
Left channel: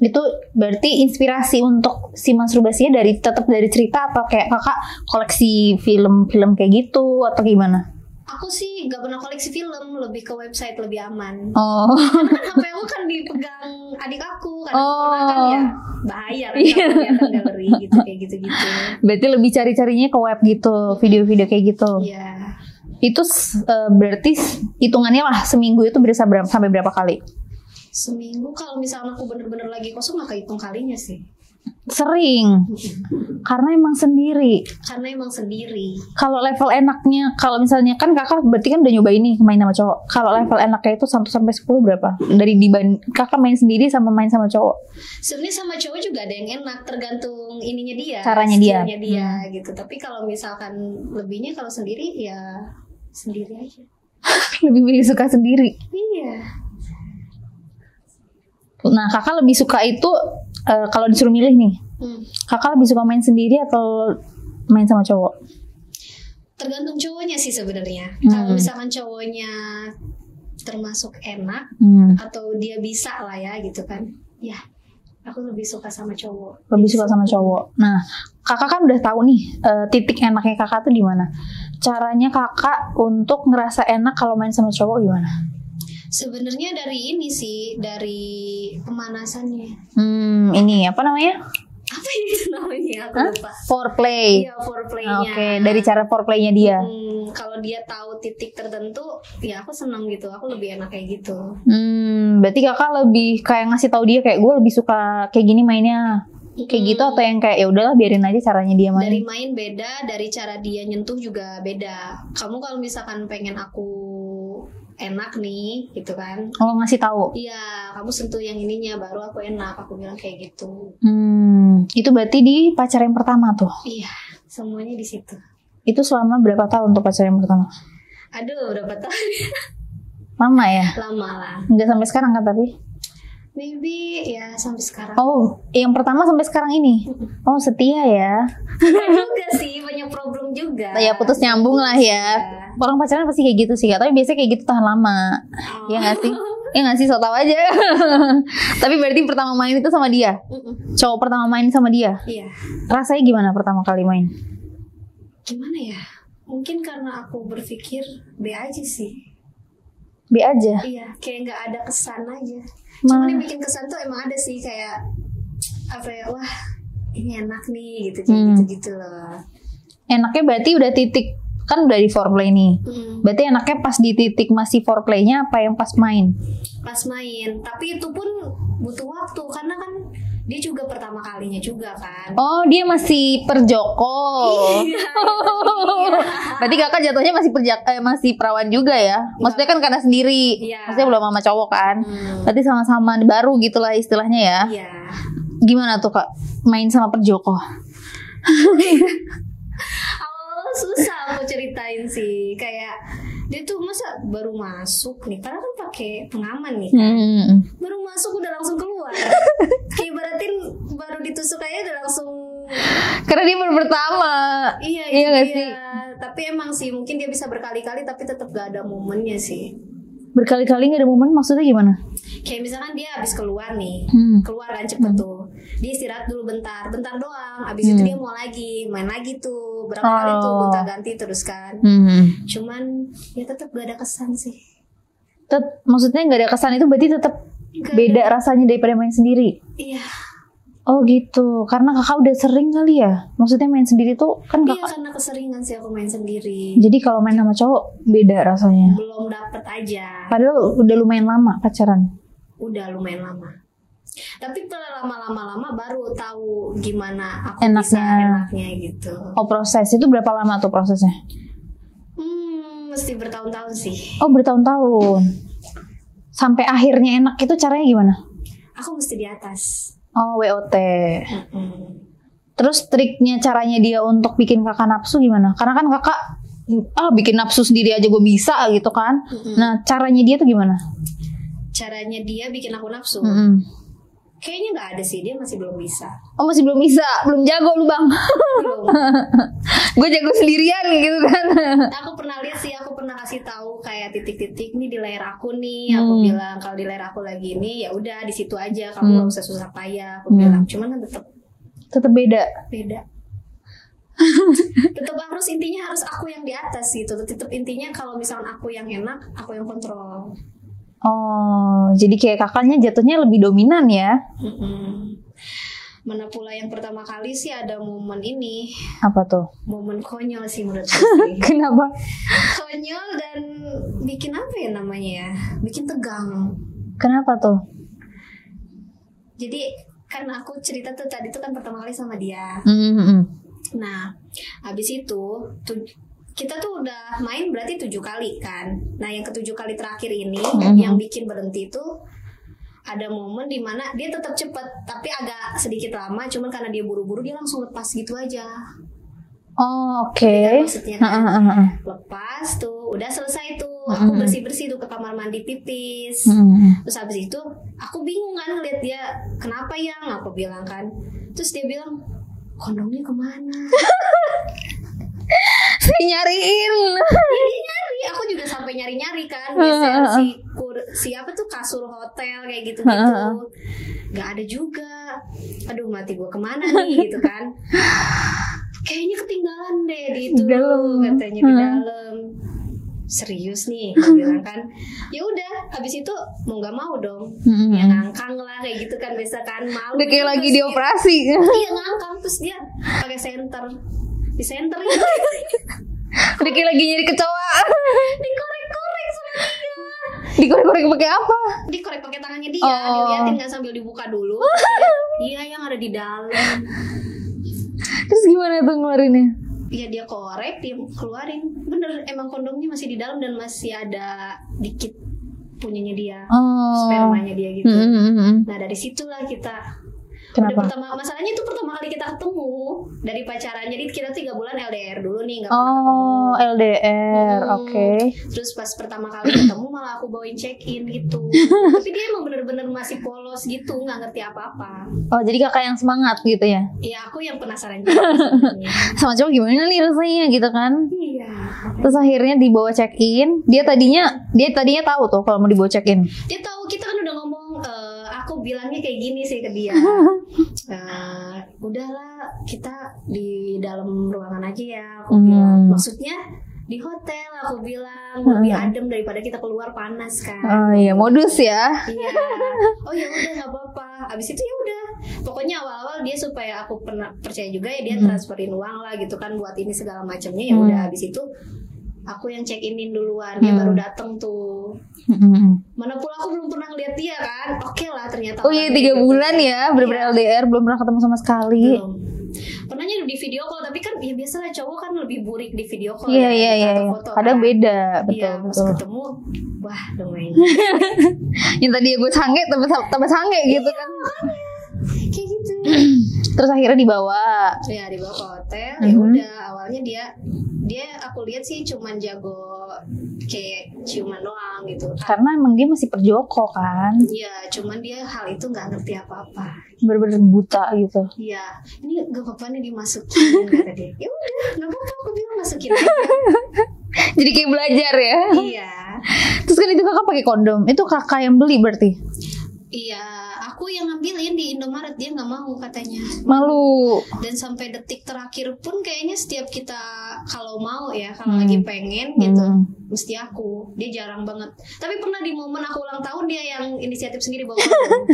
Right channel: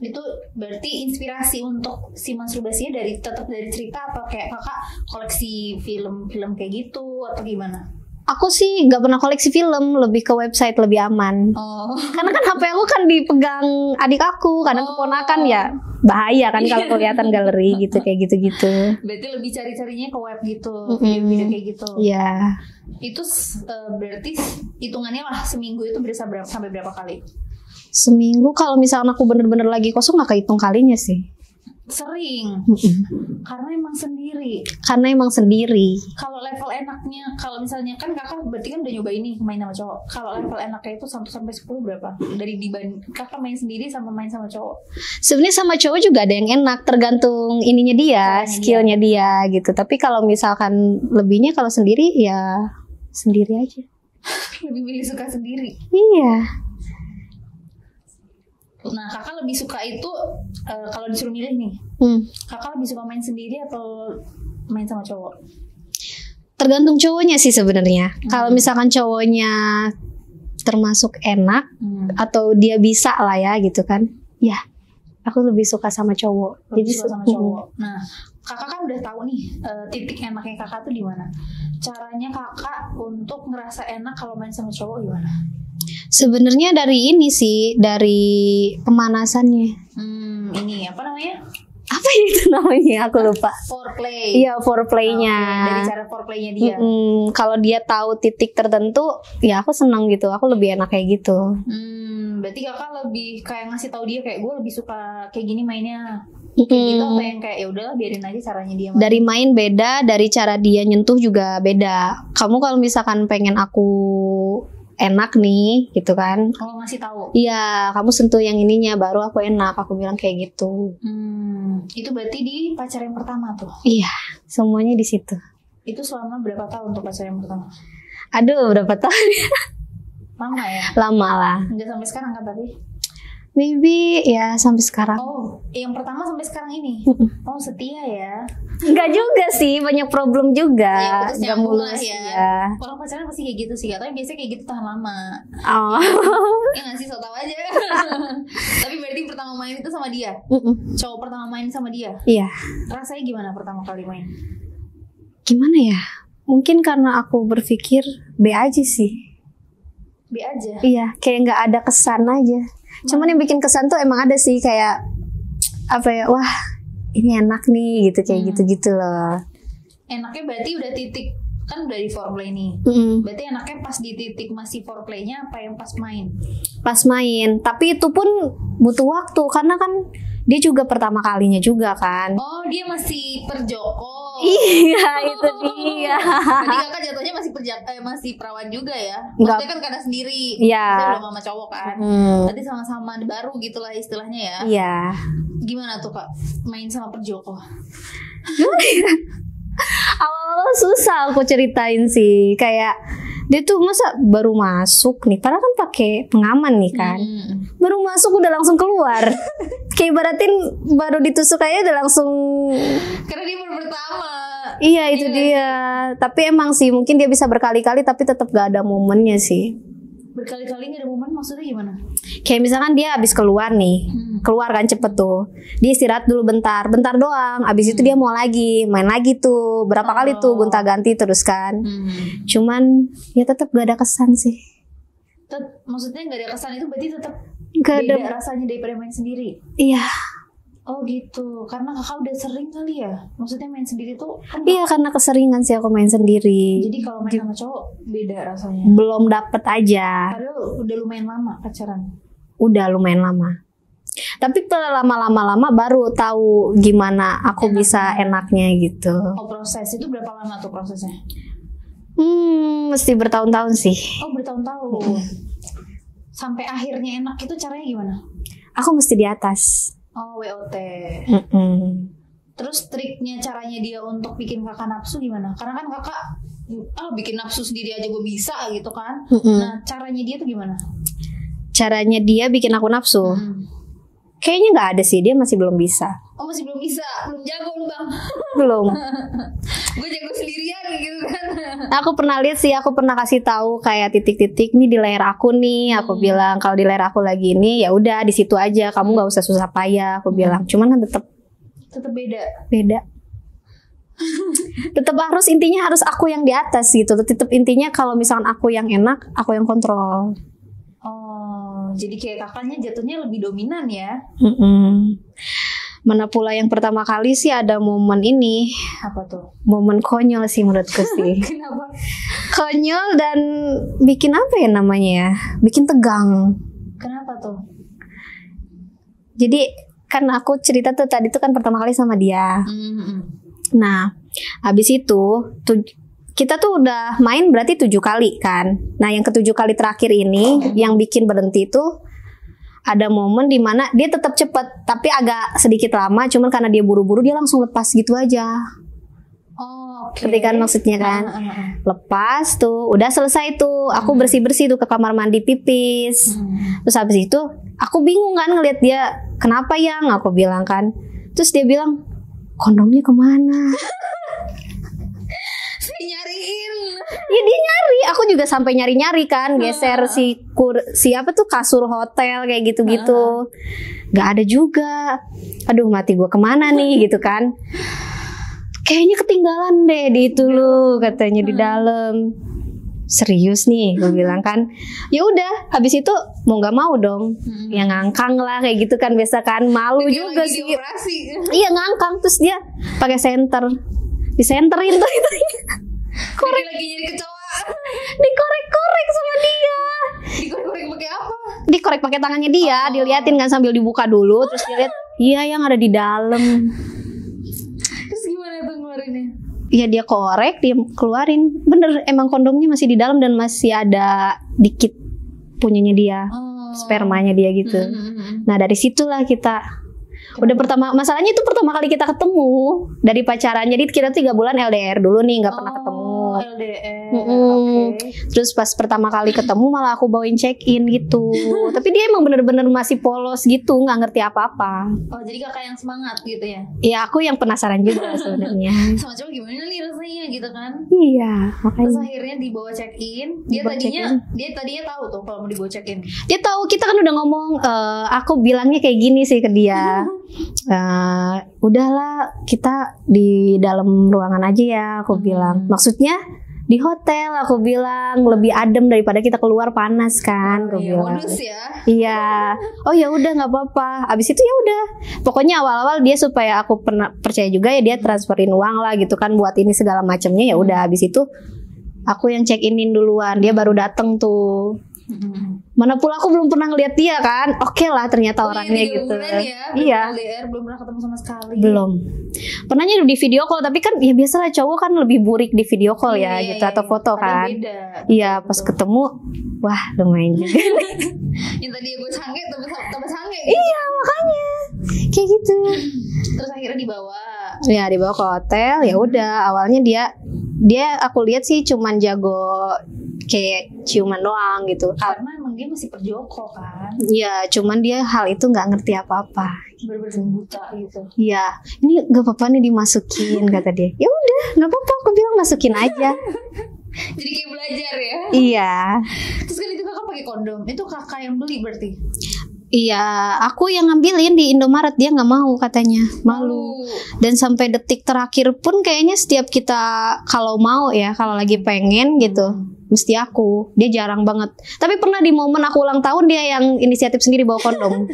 Itu berarti inspirasi untuk si masturbasinya tetap dari cerita atau kayak kakak koleksi film-film kayak gitu atau gimana? Aku sih nggak pernah koleksi film, lebih ke website, lebih aman. Oh. Karena kan HP aku kan dipegang adik aku, karena keponakan ya bahaya kan kalau kelihatan galeri gitu kayak gitu-gitu. Berarti lebih cari-carinya ke web gitu, video-video kayak gitu. Iya. Itu berarti hitungannya lah seminggu itu bisa sampai berapa kali? Seminggu kalau misalnya aku bener-bener lagi kosong nggak kehitung kalinya sih. Sering. Karena emang sendiri. Kalau level enaknya, kalau misalnya kan kakak berarti kan udah nyobain nih main sama cowok. Kalau level enaknya itu 1 sampai 10 berapa? Dari kakak main sendiri sama main sama cowok. sebenarnya sama cowok juga ada yang enak, tergantung ininya dia, Caranya skillnya dia gitu. Tapi kalau misalkan lebihnya kalau sendiri ya sendiri aja. Lebih pilih suka sendiri. Iya. Nah, kakak lebih suka itu kalau disuruh milih nih, kakak lebih suka main sendiri atau main sama cowok? Tergantung cowoknya sih sebenarnya. Kalau misalkan cowoknya termasuk enak atau dia bisa lah ya gitu kan, ya aku lebih suka sama cowok. Lebih suka sama cowok. Nah, kakak kan udah tahu nih titik enaknya kakak tuh di mana. Caranya kakak untuk ngerasa enak kalau main sama cowok gimana? Sebenarnya dari ini sih, dari pemanasannya. Ini apa namanya? Apa itu namanya? Aku lupa. Foreplay. Iya, foreplaynya. Okay. Dari cara foreplaynya dia. Kalau dia tahu titik tertentu, ya aku senang gitu. Aku lebih enak kayak gitu. Berarti kakak lebih kayak ngasih tahu dia kayak gue lebih suka kayak gini mainnya. Kayak gitu atau yang kayak ya udahlah biarin aja caranya dia main. Dari main beda, dari cara dia nyentuh juga beda. Kamu kalau misalkan pengen aku enak nih gitu kan, ngasih tahu. Iya, kamu sentuh yang ininya baru aku enak. Aku bilang kayak gitu. Itu berarti di pacar yang pertama tuh. Iya, semuanya di situ. Itu selama berapa tahun untuk pacar yang pertama? Aduh, berapa tahun? Lama ya? Lama lah. Nggak sampai sekarang kan tapi? Maybe ya sampai sekarang. Oh, yang pertama sampai sekarang ini. Oh, setia ya. Enggak juga sih, banyak problem juga. Ya putus nyambung lah ya. Ya. Orang pacaran pasti kayak gitu sih, tapi biasanya kayak gitu tahan lama. Oh. Ya nggak sih, so tau aja. Tapi berarti pertama main itu sama dia. Cowok pertama main sama dia. Iya. Rasanya gimana pertama kali main? Gimana ya? Mungkin karena aku berpikir B aja sih. B aja. Iya, kayak nggak ada kesan aja. Cuman yang bikin kesan tuh emang ada sih, kayak apa ya? Wah, ini enak nih gitu, kayak gitu-gitu loh. Enaknya berarti udah titik, kan udah di foreplay nih. Berarti enaknya pas di titik masih foreplaynya apa yang pas main? Pas main, tapi itu pun butuh waktu karena kan dia juga pertama kalinya juga kan. Oh, dia masih perjoko. Iya, itu dia. Berarti kakak jatuhnya masih perawan juga ya? Maksudnya kan karena sendiri. Iya. Maksudnya belum sama cowok kan. Berarti sama-sama baru gitulah istilahnya ya. Iya. Gimana tuh kak main sama perjoko? Awal-awal susah aku ceritain sih, kayak dia tuh masa baru masuk nih, padahal kan pakai pengaman nih kan. Baru masuk udah langsung keluar. Kayak ibaratin baru ditusuk aja udah langsung. Karena dia baru pertama. Iya itu nggak dia. sih? Tapi emang sih mungkin dia bisa berkali-kali tapi tetap gak ada momennya sih. Berkali-kali gak ada momen maksudnya gimana? Kayak misalkan dia habis keluar nih, keluar kan cepet tuh, dia istirahat dulu bentar doang, abis itu dia mau lagi, main lagi tuh, berapa kali tuh gonta-ganti terus kan. Cuman ya tetap gak ada kesan sih. Maksudnya gak ada kesan itu berarti tetap beda rasanya daripada main sendiri? Iya. Oh gitu, karena kakak udah sering kali ya? Maksudnya main sendiri tuh kan Iya karena keseringan sih aku main sendiri. Jadi kalau main sama cowok beda rasanya? Belum dapet aja. Padahal udah lumayan lama pacaran? Udah lumayan lama. Tapi lama-lama baru tahu gimana aku bisa enaknya gitu. Oh proses, itu berapa lama tuh prosesnya? Mesti bertahun-tahun sih. Oh bertahun-tahun. Sampai akhirnya enak itu caranya gimana? Aku mesti di atas. Oh WOT. Terus triknya caranya dia untuk bikin kakak nafsu gimana? Karena kan kakak bikin nafsu sendiri aja gue bisa gitu kan. Nah caranya dia tuh gimana? Caranya dia bikin aku nafsu? Kayaknya nggak ada sih, dia masih belum bisa. Oh masih belum bisa? Belum jago lu bang? Belum. Gue jago sendirian gitu kan. Aku pernah lihat sih, aku pernah kasih tahu kayak titik-titik nih di layar aku nih. Aku bilang kalau di layar aku lagi ini ya udah di situ aja, kamu nggak usah susah payah. Aku bilang, cuman kan tetap beda. Tetap harus intinya harus aku yang di atas gitu. Tetap intinya kalau misalkan aku yang enak, aku yang kontrol. Oh, jadi kayak kakaknya jatuhnya lebih dominan ya? Mana pula yang pertama kali sih ada momen ini. Apa tuh? Momen konyol sih menurutku sih. Kenapa? Konyol dan bikin apa ya namanya ya? Bikin tegang. Kenapa tuh? Jadi kan aku cerita tuh tadi tuh kan pertama kali sama dia. Nah, habis itu kita tuh udah main berarti 7 kali kan. Nah yang ke-7 kali terakhir ini yang bikin berhenti tuh ada momen dimana dia tetap cepet tapi agak sedikit lama, cuman karena dia buru-buru dia langsung lepas gitu aja. Oh oke. Kan maksudnya kan lepas tuh udah selesai tuh, aku bersih-bersih tuh ke kamar mandi pipis. Terus habis itu aku bingung kan ngeliat dia, kenapa yang aku bilang kan. Terus dia bilang, kondomnya kemana? Nyariin. Ya dia nyari, aku juga sampai nyari-nyari kan, geser si apa tuh kasur hotel kayak gitu-gitu. Gak ada juga. Aduh mati gue kemana nih gitu kan. Kayaknya ketinggalan deh di itu loh, katanya di dalam. Serius nih, gue bilang kan. Ya udah, habis itu mau nggak mau dong, ya ngangkang lah kayak gitu kan, biasa kan malu juga lagi sih. dioperasi. Iya ngangkang, terus dia pakai senter, disenterin tuh. Diki lagi nyari kecoa. Dikorek-korek sama dia. Dikorek-korek pakai apa? Dikorek pakai tangannya dia, diliatin kan sambil dibuka dulu. Terus dia lihat, iya yang ada di dalam. Terus gimana tuh ngeluarinnya? Iya dia korek, dia keluarin. Bener, emang kondomnya masih di dalam dan masih ada dikit punyanya dia, spermanya dia gitu. Nah dari situlah kita. Udah masalahnya itu pertama kali kita ketemu dari pacaran. Jadi kita 3 bulan LDR dulu nih, nggak pernah ketemu. Oh, LDR. Mm-mm. Oke. Terus pas pertama kali ketemu malah aku bawain check-in gitu. Tapi dia emang bener-bener masih polos gitu, nggak ngerti apa-apa. Oh, jadi kakak yang semangat gitu ya? Ya aku yang penasaran juga sebenarnya. Sama cowok gimana nih rasanya gitu kan? Iya. Terus akhirnya dibawa check-in. Dia tadinya tahu tuh kalau mau dibawa check-in. Dia tahu, kita kan udah ngomong, aku bilangnya kayak gini sih ke dia. Udahlah kita di dalam ruangan aja ya, aku bilang. Maksudnya di hotel, aku bilang lebih adem daripada kita keluar panas kan. Oh iya, modus ya. Iya. Oh ya udah nggak apa-apa. Abis itu ya udah. Pokoknya awal-awal dia supaya aku percaya juga ya, dia transferin uang lah gitu kan buat ini segala macamnya. Ya udah, abis itu aku yang check inin duluan. Dia baru dateng tuh. Mana pula aku belum pernah ngeliat dia kan. Oke lah ternyata orangnya 3 gitu. bulan ya LDR, belum pernah ketemu sama sekali. Belum. Pernahnya di video call, tapi kan ya biasalah cowok kan lebih burik di video call gitu, atau foto kan. Ada beda. Iya, pas ketemu wah lumayan juga. Yang tadi gue sange tambah sange gitu. Iya, makanya kayak gitu. Terus akhirnya dibawa ke hotel. Ya udah, awalnya dia aku lihat sih cuman jago kayak ciuman doang gitu. Karena emang dia masih perjoko kan. Iya, cuman dia hal itu nggak ngerti apa-apa. Bener-bener buta gitu. Iya, ini gak apa-apa nih dimasukin kata dia. Ya udah, nggak apa-apa, aku bilang masukin aja. Jadi kayak belajar ya. Iya. Terus kan itu kakak pakai kondom. Itu kakak yang beli berarti. Iya, aku yang ngambilin di Indomaret, dia nggak mau katanya. Malu. Dan sampai detik terakhir pun kayaknya setiap kita kalau mau ya, kalau lagi pengen gitu, mesti aku. Dia jarang banget. Tapi pernah di momen aku ulang tahun dia yang inisiatif sendiri bawa kondom.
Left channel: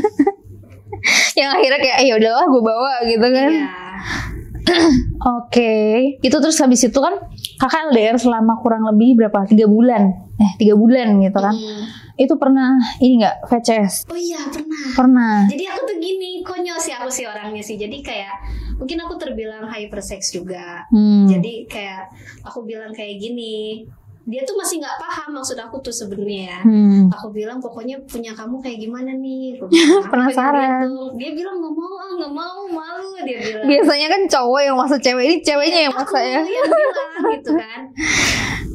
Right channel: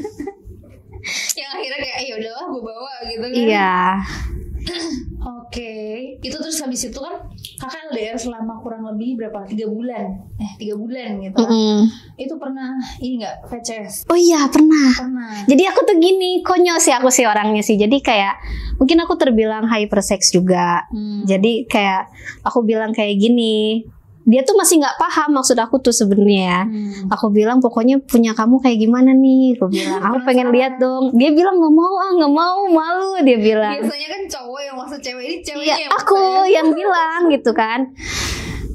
Yang akhirnya kayak ya udahlah gue bawa gitu kan. Iya. Oke. Itu terus habis itu kan kakak LDR selama kurang lebih berapa? 3 bulan. 3 bulan gitu kan. Itu pernah ini enggak VCS? Oh iya, Pernah. Jadi aku tuh gini, konyol sih aku sih orangnya sih. Jadi kayak mungkin aku terbilang hypersex juga. Jadi kayak aku bilang kayak gini, dia tuh masih nggak paham maksud aku tuh sebenarnya. Aku bilang pokoknya punya kamu kayak gimana nih. Aku bilang aku pengen lihat dong. Dia bilang nggak mau, malu. Dia bilang. Biasanya kan cowok yang maksa cewek, ini ceweknya yang maksa aku ya. yang bilang gitu kan.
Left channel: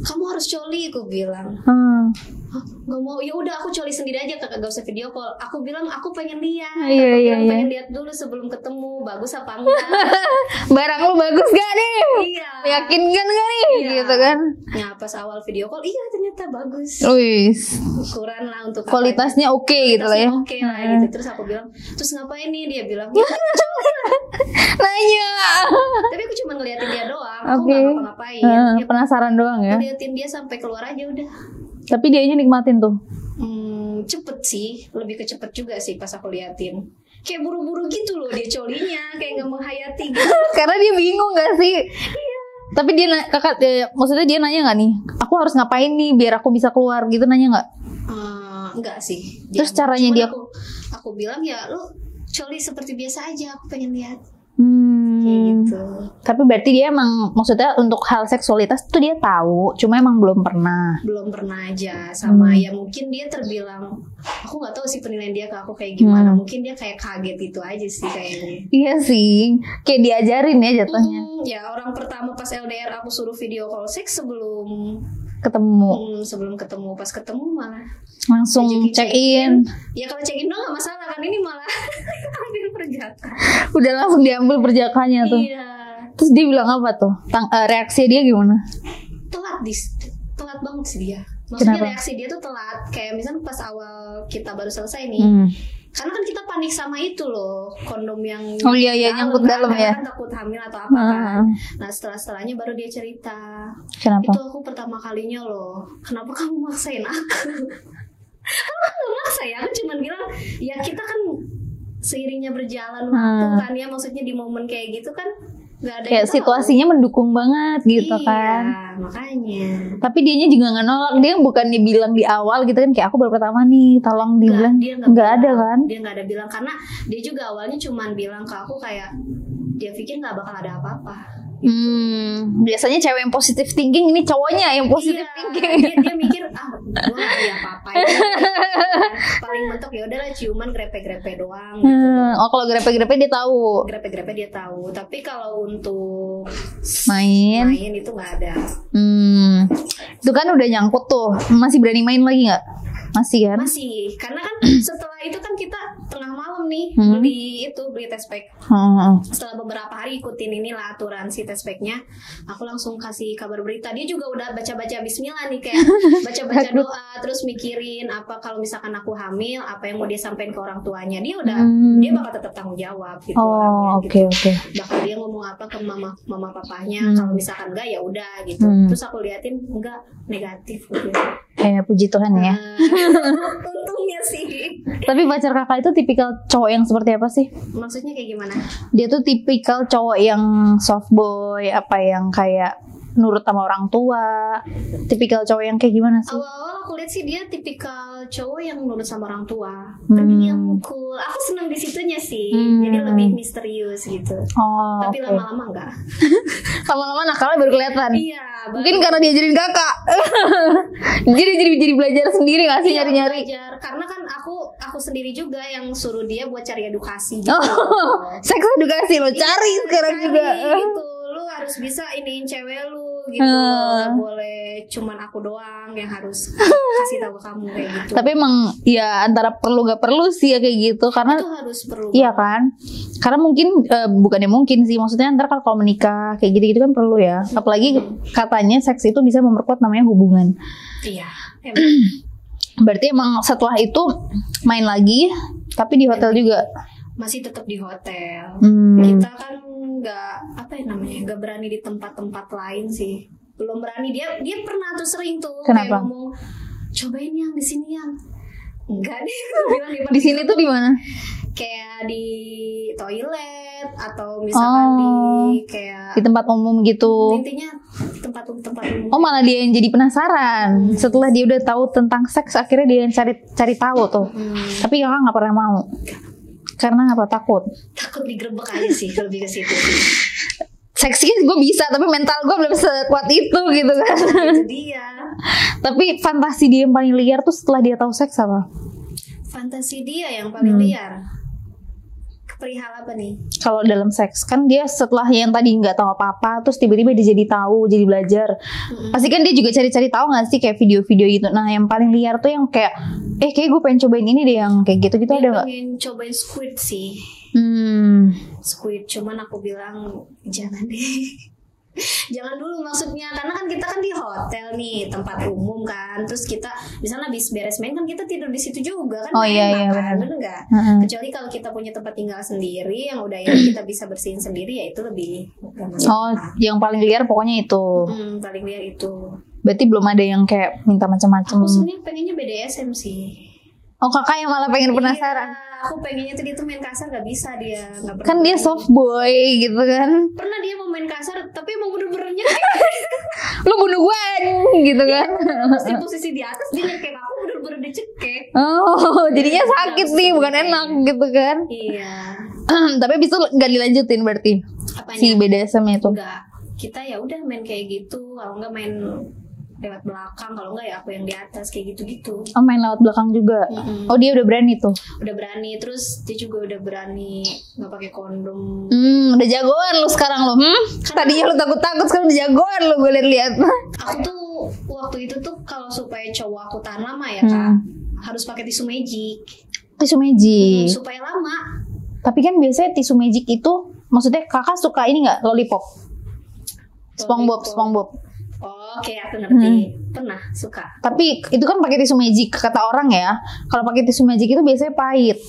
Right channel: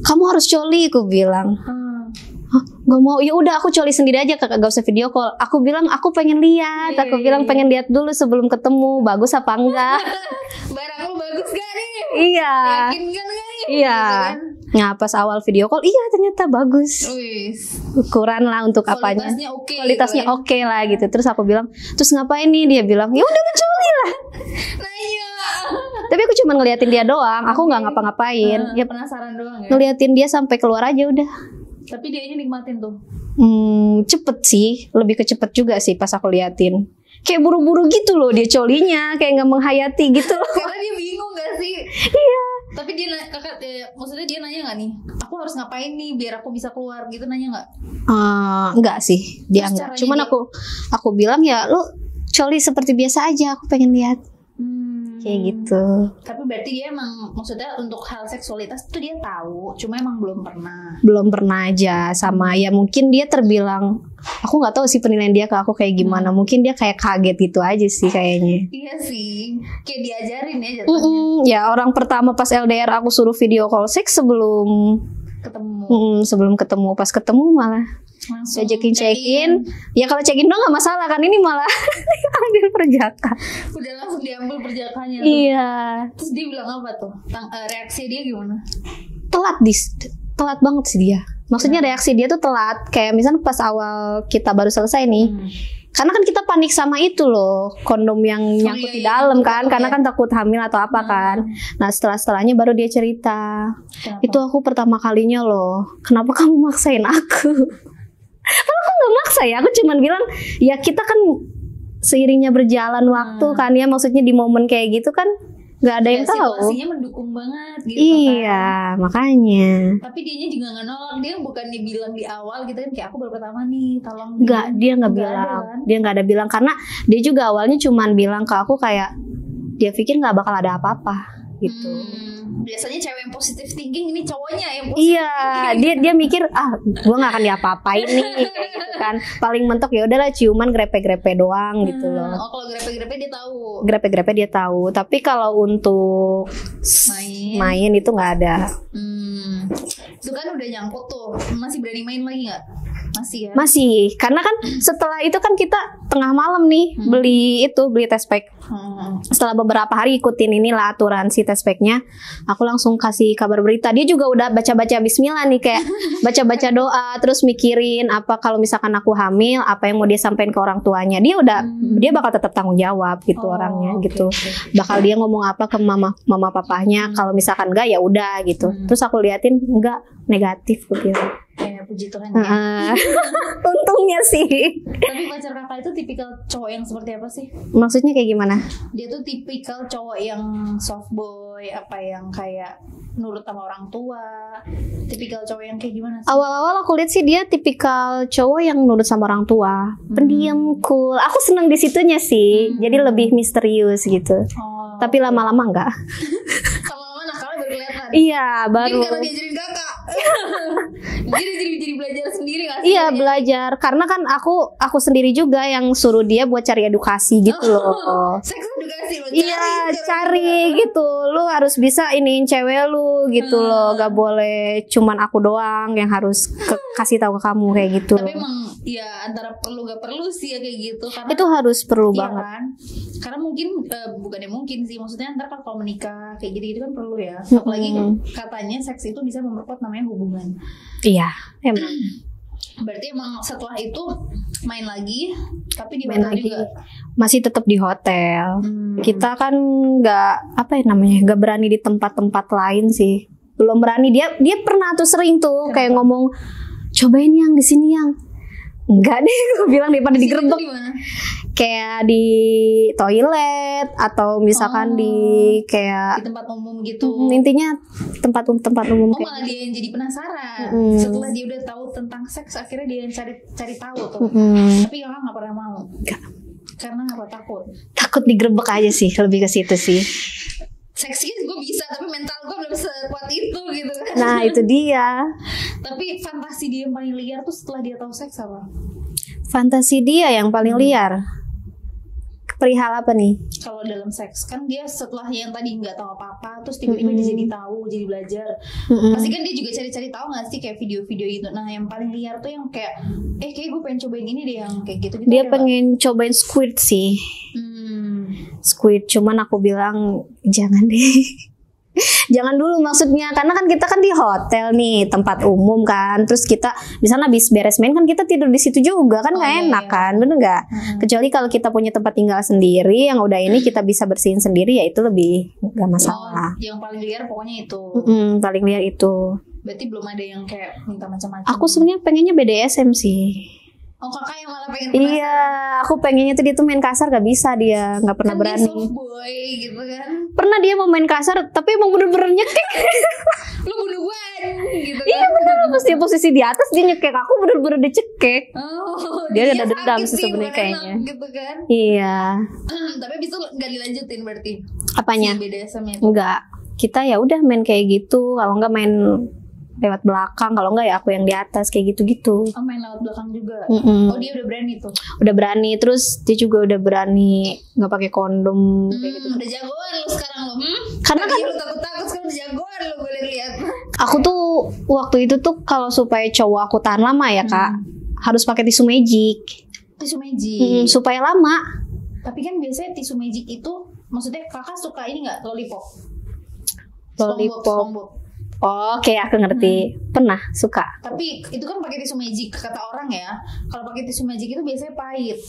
Kamu harus coli, aku bilang. Gak mau, ya udah aku coli sendiri aja, kakak gak usah video call. Aku bilang aku pengen lihat, aku bilang pengen lihat dulu sebelum ketemu bagus apa enggak. Barang lu bagus gak nih? Iya. Yakin kan gak nih? Iya. Gitu kan. Nah pas awal video call, iya ternyata bagus. Wis. Ukuran lah untuk kualitasnya oke, kualitasnya gitu oke lah gitu. Terus aku bilang, terus ngapain nih? Dia bilang, ya udah coli lah. Nanya. Tapi aku cuma ngeliatin dia doang, aku nggak ngapa-ngapain. Ya penasaran doang ya. Ngeliatin dia sampai keluar aja udah. Tapi dianya nikmatin tuh. Cepet sih, lebih ke cepet juga sih pas aku liatin. Kayak buru-buru gitu loh dia colinya, kayak nggak menghayati gitu. Karena dia bingung nggak sih? Iya. Tapi dia kakak, maksudnya dia nanya nggak nih? Aku harus ngapain nih biar aku bisa keluar gitu, nanya nggak? Enggak sih. Dia terus caranya cuman dia... aku bilang ya lu coli seperti biasa aja, aku pengen lihat. Kayak gitu. Tapi berarti dia emang maksudnya untuk hal seksualitas tuh dia tahu, cuma emang belum pernah aja sama ya mungkin dia terbilang, aku nggak tahu sih penilaian dia ke aku kayak gimana. Mungkin dia kayak kaget gitu aja sih kayaknya. Iya sih, kayak diajarin ya jatuhnya. Ya orang pertama pas LDR aku suruh video call seks sebelum ketemu. Pas ketemu malah langsung check-in. Ya kalau check-in dong nggak masalah kan, ini malah ambil perjaka. Udah langsung diambil perjakanya tuh. Iya. Terus dia bilang apa tuh? Reaksi dia gimana? Telat banget sih dia. Maksudnya reaksi dia tuh telat. Kayak misalnya pas awal kita baru selesai nih. Karena kan kita panik sama itu loh, kondom yang di dalam kan, karena kan takut hamil atau apa kan. Nah setelahnya baru dia cerita. Kenapa? Itu aku pertama kalinya loh. Kenapa kamu maksain aku? Aku nggak maksa ya, aku cuman bilang ya kita kan seiringnya berjalan waktu kan ya, maksudnya di momen kayak gitu kan nggak ada yang tahu. Situasinya mendukung banget gitu kan. Iya, makanya. Tapi dianya juga nggak nolak, dia bukannya bilang di awal gitu kan, kayak aku baru pertama nih, tolong dibilang. Dia nggak ada kan? Dia nggak ada bilang, karena dia juga awalnya cuman bilang ke aku kayak dia pikir nggak bakal ada apa-apa. gitu. Biasanya cewek yang positive thinking, ini cowoknya yang positive thinking. Dia mikir gue nggak akan diapa-apain gitu kan. Paling mentok ya udahlah ciuman grepe-grepe doang gitu loh. Oh, kalau grepe-grepe dia tahu. Grepe-grepe dia tahu. Tapi kalau untuk main itu nggak ada. Itu kan udah nyangkut tuh. Masih berani main lagi nggak? Masih kan? Masih, karena kan setelah itu kan kita tengah malam nih beli test pack. Setelah beberapa hari ikutin inilah aturan si test packnya, aku langsung kasih kabar berita. Dia juga udah baca-baca Bismillah nih, kayak baca-baca doa, terus mikirin apa kalau misalkan aku hamil, apa yang mau dia sampaikan ke orang tuanya. Dia bakal tetap tanggung jawab gitu orangnya gitu. Bakal dia ngomong apa ke mama papahnya. Kalau misalkan enggak ya udah gitu. Terus aku liatin enggak, negatif gitu. Puji Tuhan ya. Untungnya sih. Tapi pacar kakak itu tipikal cowok yang seperti apa sih? Maksudnya kayak gimana? Dia tuh tipikal cowok yang soft boy, apa yang kayak nurut sama orang tua. Tipikal cowok yang kayak gimana sih? Awal-awal aku lihat sih dia tipikal cowok yang nurut sama orang tua, pendiam, cool. Aku seneng di situnya sih. Jadi lebih misterius gitu. Tapi lama-lama enggak. Lama-lama nakalnya baru kelihatan. Iya, mungkin karena diajarin kakak. jadi belajar sendiri nggak sih? Iya, belajar. Karena kan aku sendiri juga yang suruh dia buat cari edukasi gitu loh. Seks edukasi lo cari gitu. Lu harus bisa iniin cewek lu gitu loh. Gak boleh cuman aku doang yang harus kasih tahu ke kamu kayak gitu. Tapi emang ya antara perlu gak perlu sih ya kayak gitu, karena itu harus perlu iya banget. Kan karena mungkin bukannya mungkin sih, maksudnya ntar kalau menikah kayak gitu-gitu kan perlu ya. Apalagi katanya seks itu bisa memperkuat namanya hubungan. Iya. Berarti emang setelah itu main lagi, tapi di hotel juga. Masih tetap di hotel. Kita kan nggak berani di tempat-tempat lain sih. Belum berani. Dia pernah tuh sering tuh. Kenapa? Kayak ngomong, cobain yang di sini yang. Enggak deh, gue bilang di sini tuh gimana? Kayak di toilet atau misalkan di kayak di tempat umum gitu. Intinya tempat umum. Oh, malah dia yang jadi penasaran. Setelah dia udah tahu tentang seks, akhirnya dia yang cari tahu tuh. Tapi kakak nggak pernah mau. Karena apa? Takut digerebek aja sih, lebih ke situ sih. Seksi gue bisa, tapi mental gue belum sekuat itu gitu kan. Nah itu dia. Tapi fantasi dia yang paling liar tuh setelah dia tahu seks apa? Fantasi dia yang paling liar perihal apa nih? Kalau dalam seks kan dia setelah yang tadi nggak tahu apa-apa, terus tiba-tiba dia jadi tahu, jadi belajar. Pasti kan dia juga cari-cari tahu nggak sih kayak video-video gitu. Nah yang paling liar tuh yang kayak kayak gue pengen cobain ini deh, yang kayak gitu. Dia pengen cobain squid sih. Squid, cuman aku bilang jangan deh. Jangan dulu maksudnya, karena kan kita kan di hotel nih, tempat umum kan, terus kita di sana habis beres main kan kita tidur di situ juga kan, enak kan, bener nggak? Kecuali kalau kita punya tempat tinggal sendiri yang udah ini kita bisa bersihin sendiri, ya itu lebih nggak masalah. Yang paling liar pokoknya itu. Paling liar itu. Berarti belum ada yang kayak minta macam-macam. Aku sebenarnya pengennya BDSM sih. Oh, kakak yang malah pengen penasaran. Iya, aku pengennya tuh dia tuh main kasar, gak bisa dia, gak pernah kan berani. Dia soft boy gitu kan. Pernah dia mau main kasar, tapi emang bener-bener nyekek. Lu bunuh gue gitu kan. Iya, posisi di atas dia nyekek, aku bener-bener dicekek. Oh, jadinya sakit sih, bukan enak gitu kan. Iya. Tapi abis itu gak dilanjutin berarti? Apanya? Si BDSM itu? Enggak. Kita ya udah main kayak gitu, kalau enggak main lewat belakang, kalau enggak ya aku yang di atas kayak gitu-gitu. Oh, main lewat belakang juga. Oh, dia udah berani tuh. Udah berani, terus dia juga udah berani nggak pakai kondom. Gitu. Udah jagoan lu sekarang lu. Karena tadinya lu takut-takut, sekarang udah jagoan lu, gue lihat. Aku tuh waktu itu tuh kalau supaya cowok aku tahan lama ya kak, harus pakai tisu magic. Tisu magic. Supaya lama. Tapi kan biasanya tisu magic itu, maksudnya kakak suka ini nggak, lollipop? SpongeBob. Oh, kayak aku ngerti. Pernah suka. Tapi itu kan pakai tisu magic, kata orang ya. Kalau pakai tisu magic itu biasanya pahit.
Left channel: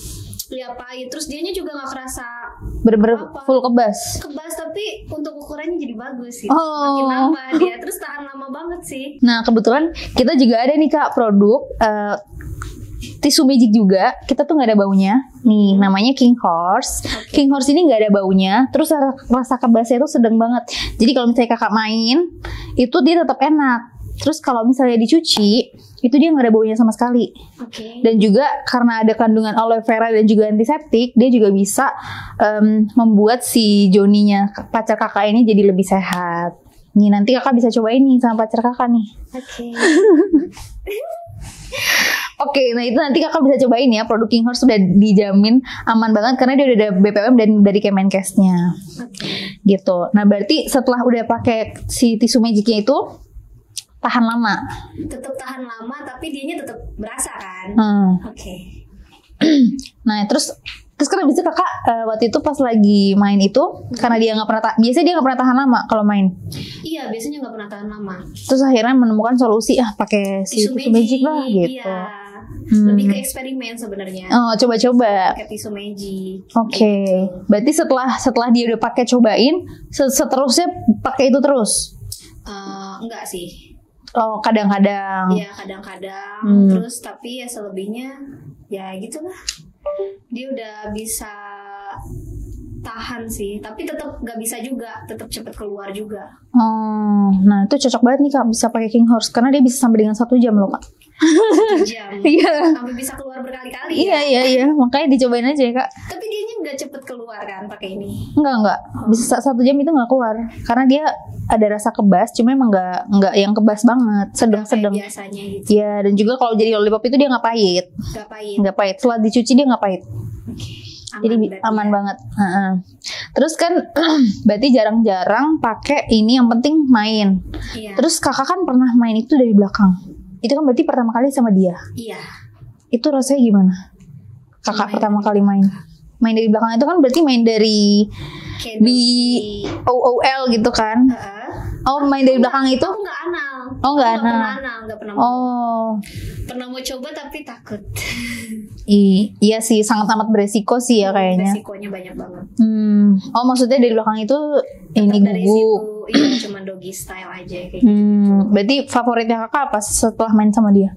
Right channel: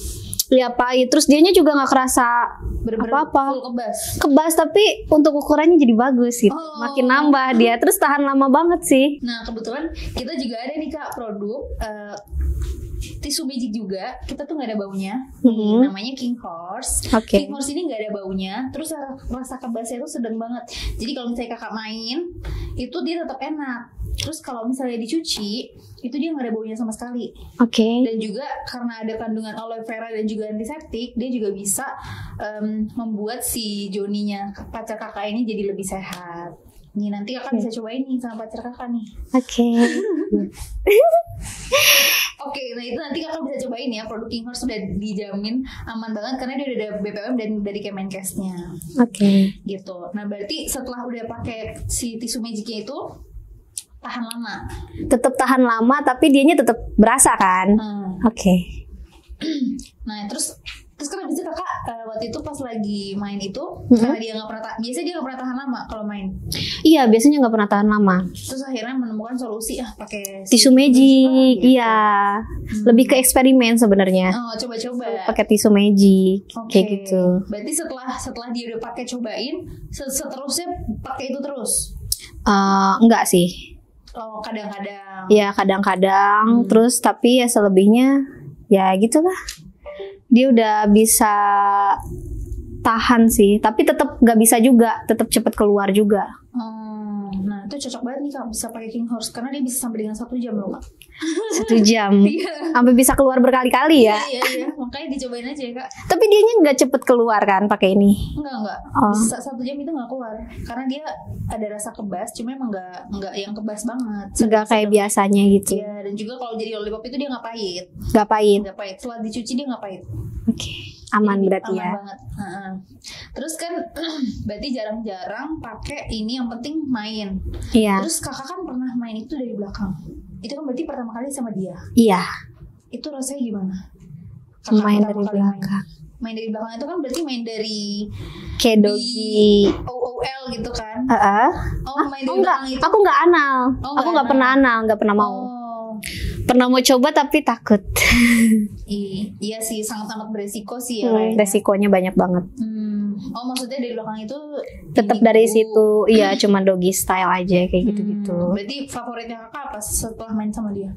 Ya pahit. Terus dianya juga nggak kerasa apa-apa. Full kebas, tapi untuk ukurannya jadi bagus gitu. Makin nambah dia. Terus tahan lama banget sih. Nah kebetulan kita juga ada nih kak produk tisu magic juga. Kita tuh nggak ada baunya. Nih namanya King Horse. King Horse ini nggak ada baunya. Terus rasa kebasnya tuh sedang banget. Jadi kalau misalnya kakak main, itu dia tetap enak. Terus kalau misalnya dicuci, itu dia nggak ada baunya sama sekali. Oke. Dan juga karena ada kandungan aloe vera dan juga antiseptik, dia juga bisa membuat si Joninya pacar kakak ini jadi lebih sehat. Nih nanti kakak bisa cobain nih sama pacar kakak nih. Oke. Oke, nah itu nanti kakak bisa cobain ya. Produk King Horse sudah dijamin aman banget karena dia udah ada BPOM dan dari Kemenkesnya. Oke. Gitu. Nah berarti setelah udah pakai si tisu magicnya itu tahan lama. Tetap tahan lama tapi dianya tetap berasa kan? Oke. Nah terus kan abis itu kakak waktu itu pas lagi main itu karena dia nggak pernah biasanya dia nggak pernah tahan lama kalau main. Iya, biasanya nggak pernah tahan lama. Terus akhirnya menemukan solusi pakai tisu magic lah, gitu. Iya. Lebih ke eksperimen sebenarnya. Oh, coba-coba pakai tisu magic. Oke. Gitu. Berarti setelah dia udah pakai cobain, seterusnya pakai itu terus? Enggak sih. Oh, kadang-kadang. Ya, kadang-kadang. Terus tapi ya selebihnya ya gitulah. Dia udah bisa tahan sih, tapi tetap nggak bisa juga, tetap cepet keluar juga. Nah itu cocok banget nih kak, bisa pakai King Horse karena dia bisa sampai dengan 1 jam loh kak. 1 jam, sampai bisa keluar berkali-kali ya. Iya, makanya dicobain aja ya kak. Tapi dianya nggak cepet keluar kan pakai ini? Enggak, bisa 1 jam itu nggak keluar, karena dia ada rasa kebas, cuma emang nggak yang kebas banget, sedang kayak biasanya gitu. Iya, dan juga kalau jadi lollipop itu dia nggak pahit. Nggak pahit. Setelah dicuci dia nggak pahit. Oke. Aman, jadi aman ya. Banget. Terus kan berarti jarang-jarang pakai ini, yang penting main. Iya. Terus kakak kan pernah main itu dari belakang. Itu kan berarti pertama kali sama dia. Iya. Itu rasanya gimana? Kakak main pertama kali main dari belakang itu kan berarti main dari kayak di OOL gitu kan? Main dari belakang itu? Aku nggak anal. Aku nggak pernah anal, nggak pernah mau. Pernah mau coba tapi takut. Iya sih, sangat-sangat beresiko sih ya kayaknya. Resikonya banyak banget. Maksudnya dari belakang itu tetap dari situ, iya cuma doggy style aja kayak gitu-gitu. Berarti favoritnya kakak apa setelah main sama dia?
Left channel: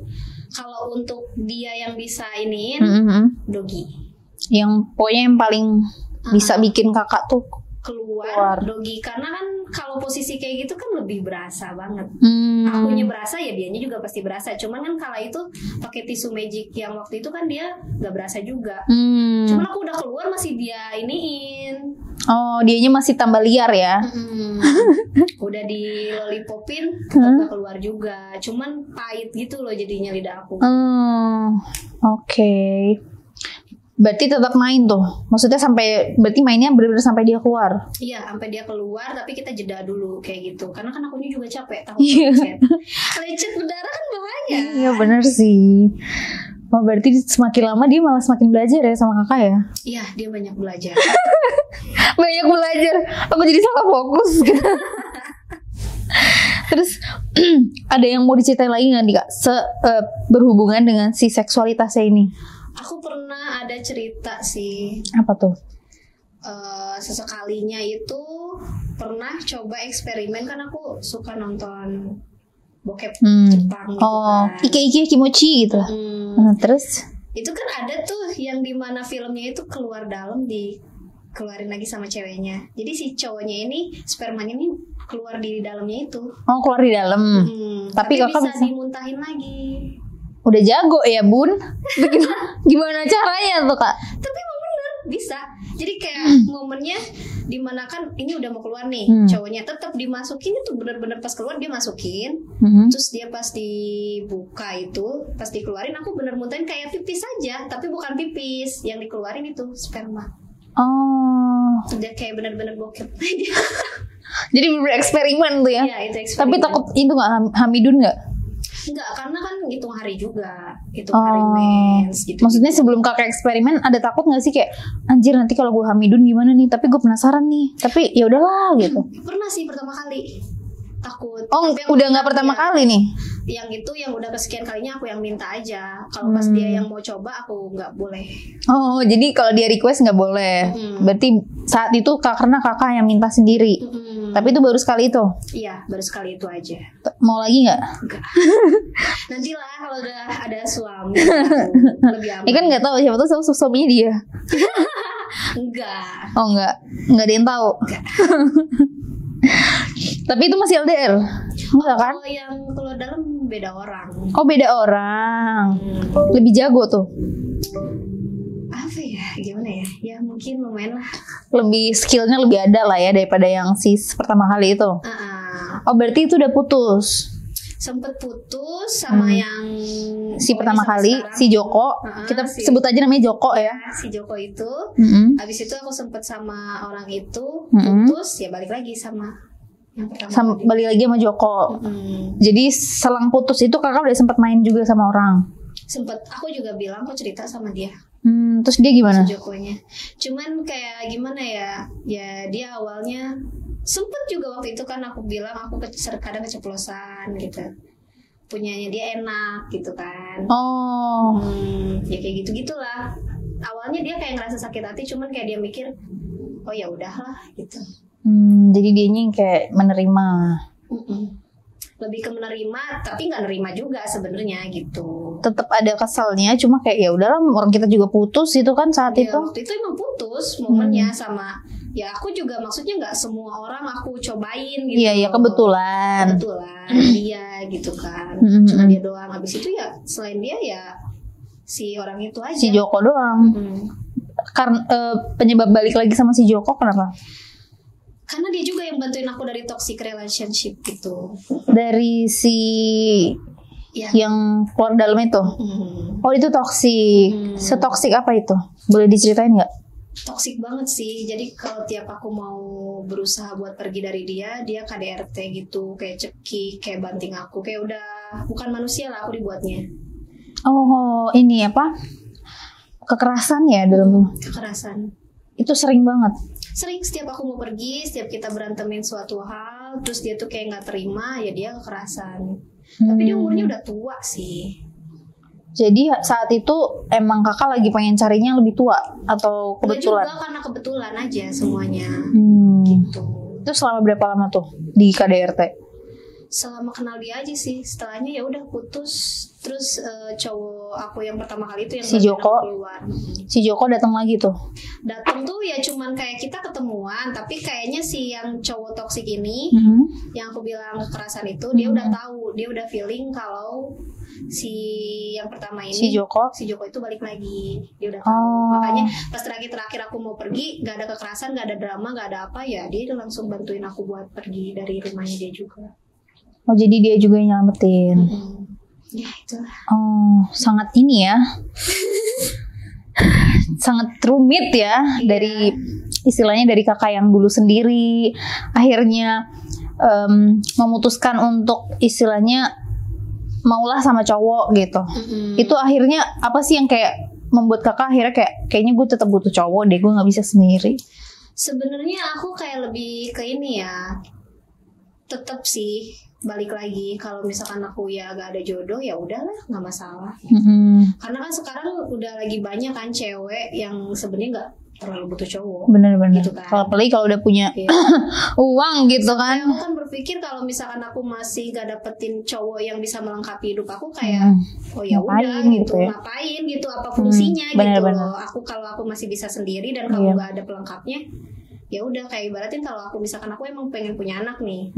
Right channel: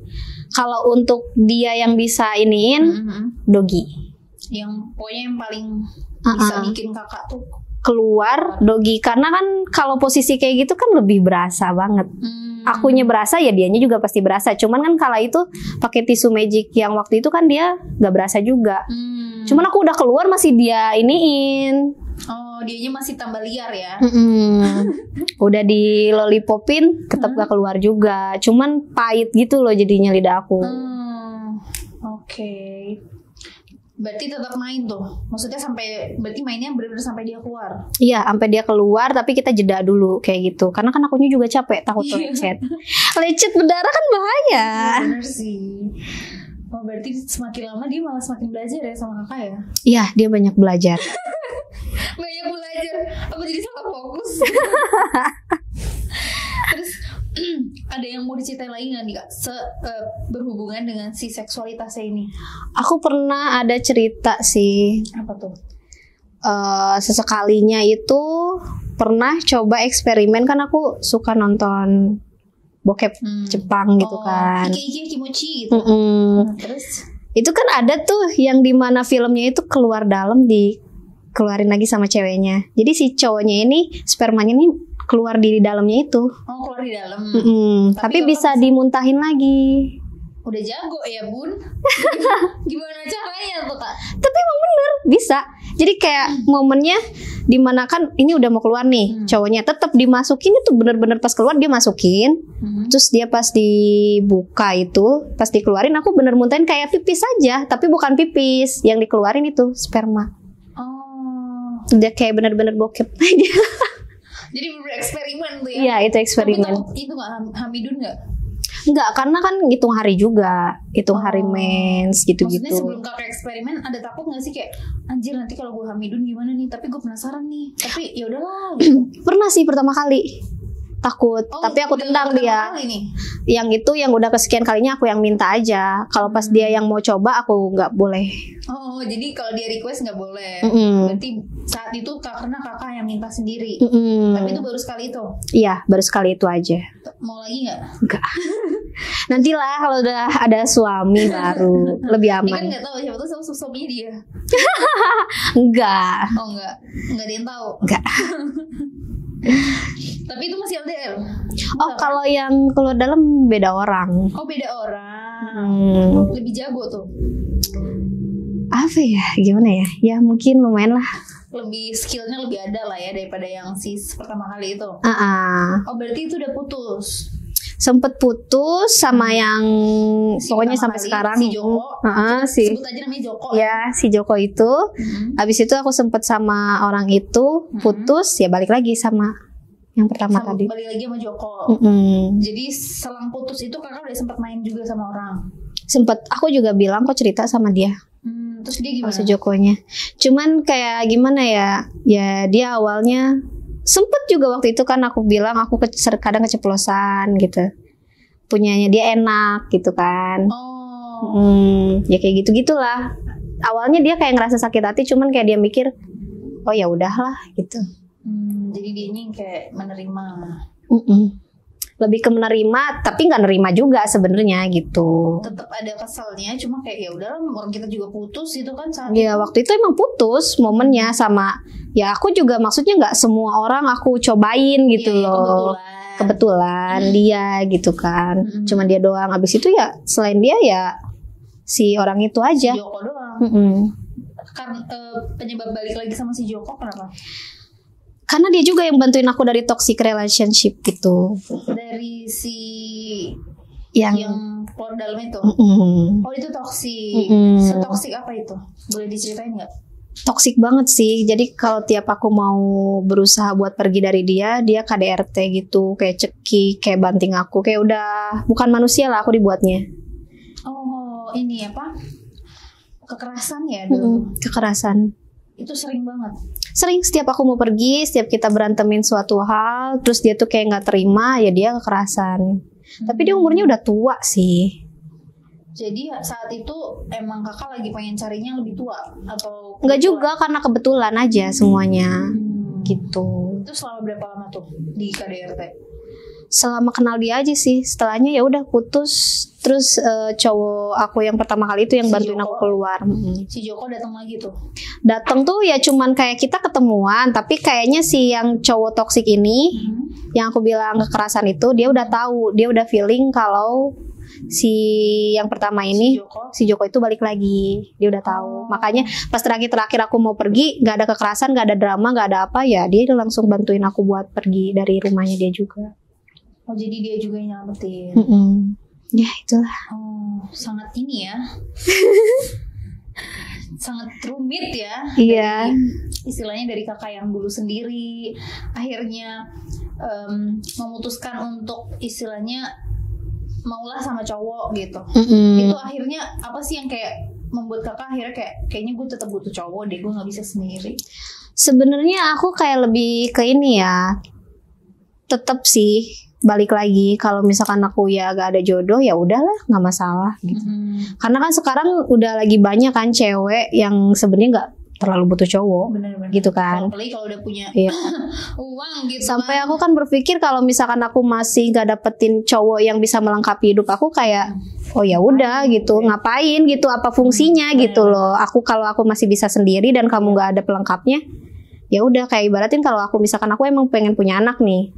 Kalau untuk dia yang bisa iniin, doggy. Yang pokoknya yang paling bisa bikin kakak tuh keluar doggy, karena kan kalau posisi kayak gitu kan lebih berasa banget. Akunya berasa ya dianya juga pasti berasa. Cuman kan kala itu pakai tisu magic yang waktu itu kan dia nggak berasa juga. Cuman aku udah keluar masih dia iniin. Oh, dianya masih tambah liar ya. Udah di lollipopin tetap gak keluar juga. Cuman pahit gitu loh jadinya lidah aku. Oke. Berarti tetap main tuh. Maksudnya berarti mainnya benar-benar sampai dia keluar. Iya, sampai dia keluar tapi kita jeda dulu kayak gitu. Karena kan akunya juga capek, takut lecet. Lecet berdarah kan bahaya. Iya, benar sih. Berarti semakin lama dia malah semakin belajar ya sama kakak ya? Iya, dia banyak belajar. Banyak belajar. Apa jadi salah fokus? Terus ada yang mau diceritain lagi nggak nih kak? Berhubungan dengan si seksualitasnya ini? Aku pernah ada cerita sih. Apa tuh? Sesekalinya itu pernah coba eksperimen, kan aku suka nonton bokep Jepang gitu kan. Ike kimochi gitu. Terus itu kan ada tuh yang dimana filmnya itu keluar dalam dikeluarin lagi sama ceweknya. Jadi si cowoknya ini spermanya ini keluar di dalamnya itu. Oh, keluar di dalam. Tapi bisa dimuntahin lagi. Udah jago ya bun. Gimana caranya tuh kak? Tapi emang bener bisa. Jadi kayak momennya dimana kan ini udah mau keluar nih, cowoknya tetap dimasukin itu bener-bener pas keluar dia masukin. Terus dia pas dibuka itu, pas dikeluarin aku bener muntahin kayak pipis aja, tapi bukan pipis, yang dikeluarin itu sperma. Dia kayak bener-bener bokep aja. Jadi bener eksperimen tuh ya? Iya, itu eksperimen. Tapi takut itu nggak hamidun nggak? Enggak, karena kan hitung hari juga, hitung hari mens gitu. Maksudnya sebelum kakak eksperimen ada takut nggak sih kayak anjir nanti kalau gue hamidun gimana nih? Tapi gue penasaran nih. Tapi ya udahlah gitu. Pernah sih pertama kali takut. Tapi aku udah nggak pertama kali nih. Yang itu yang udah kesekian kalinya aku yang minta aja. Kalau pas dia yang mau coba aku nggak boleh. Oh, jadi kalau dia request nggak boleh. Berarti saat itu karena kakak yang minta sendiri. Tapi itu baru sekali itu. Iya, baru sekali itu aja. Mau lagi nggak? Enggak. Nantilah kalau udah ada suami baru lebih aman. Kan nggak tahu siapa tuh suaminya dia. Enggak. Oh nggak ada yang tahu. Enggak. Tapi itu masih LDR? Oh, kalau yang keluar dalam beda orang. Oh, beda orang. Lebih jago tuh. Apa ya? Gimana ya? Ya mungkin lumayan lah. Lebih skillnya lebih ada lah ya daripada yang si pertama kali itu. Oh, berarti itu udah putus. Sempet putus sama yang Si pokoknya pertama sampai kali sekarang. si Joko. Kita sebut aja namanya Joko ya. Si Joko itu. Habis itu aku sempet sama orang itu, putus, ya balik lagi sama yang pertama tadi. Balik lagi sama Joko. Jadi selang putus itu kakak udah sempet main juga sama orang. Sempet, aku juga bilang kok cerita sama dia. Terus dia gimana? Si Jokonya. Cuman kayak gimana ya? Ya dia awalnya sempet juga waktu itu kan aku bilang aku kadang keceplosan gitu. Punyanya dia enak gitu kan. Ya kayak gitu-gitulah. Awalnya dia kayak ngerasa sakit hati, cuman kayak dia mikir, oh ya udahlah gitu. Jadi dianya kayak menerima. Lebih ke menerima, tapi nggak nerima juga sebenarnya gitu. Tetap ada keselnya, cuma kayak ya udahlah, orang kita juga putus itu kan saat itu. Waktu itu emang putus momennya sama. Ya aku juga maksudnya nggak semua orang aku cobain gitu. Iya, kebetulan dia gitu kan. Cuman dia doang. Abis itu ya selain dia ya si orang itu aja. Si Joko doang. Karena penyebab balik lagi sama si Joko kenapa? Karena dia juga yang bantuin aku dari toxic relationship gitu. Dari si yang keluar dalam itu. Oh itu toxic. Setoxic apa itu? Boleh diceritain nggak? Toxic banget sih. Jadi kalau tiap aku mau berusaha buat pergi dari dia KDRT gitu, kayak cekik, kayak banting aku, kayak udah bukan manusia lah aku dibuatnya. Oh ini apa? Kekerasan ya dulu. Kekerasan. Itu sering banget. Sering, setiap aku mau pergi, setiap kita berantemin suatu hal, terus dia tuh kayak nggak terima, ya dia kekerasan. Tapi dia umurnya udah tua sih. Jadi saat itu emang kakak lagi pengen carinya lebih tua atau kebetulan? Enggak juga, karena kebetulan aja semuanya. Gitu. Itu selama berapa lama tuh di KDRT? Selama kenal dia aja sih. Setelahnya ya udah putus. Terus cowok aku yang pertama kali itu yang bantuin aku keluar. Si Joko datang lagi tuh. Datang tuh ya cuman kayak kita ketemuan, tapi kayaknya si yang cowok toksik ini, yang aku bilang kekerasan itu, dia udah tahu, dia udah feeling kalau si yang pertama ini si Joko itu balik lagi. Dia udah tahu. Makanya pas terakhir aku mau pergi, nggak ada kekerasan, nggak ada drama, nggak ada apa, ya dia langsung bantuin aku buat pergi dari rumahnya dia juga. Oh jadi dia juga yang nyelamatin. Ya itulah. Oh sangat ini ya. Sangat rumit ya. Dari istilahnya dari kakak yang dulu sendiri akhirnya memutuskan untuk istilahnya maulah sama cowok gitu. Itu akhirnya apa sih yang kayak membuat kakak akhirnya kayaknya gue tetap butuh cowok deh, gue nggak bisa sendiri. Sebenarnya aku kayak lebih ke ini ya, tetap sih balik lagi kalau misalkan aku ya gak ada jodoh ya udahlah nggak masalah gitu. Karena kan sekarang udah lagi banyak kan cewek yang sebenarnya nggak terlalu butuh cowok. Bener-bener gitu kan. Apalagi kalau udah punya uang gitu. Sampai aku kan berpikir kalau misalkan aku masih gak dapetin cowok yang bisa melengkapi hidup aku kayak oh ya udah gitu ya? Ngapain gitu, apa fungsinya gitu loh. Kalau aku masih bisa sendiri dan kamu gak ada pelengkapnya, ya udah kayak ibaratin kalau aku misalkan aku emang pengen punya anak nih,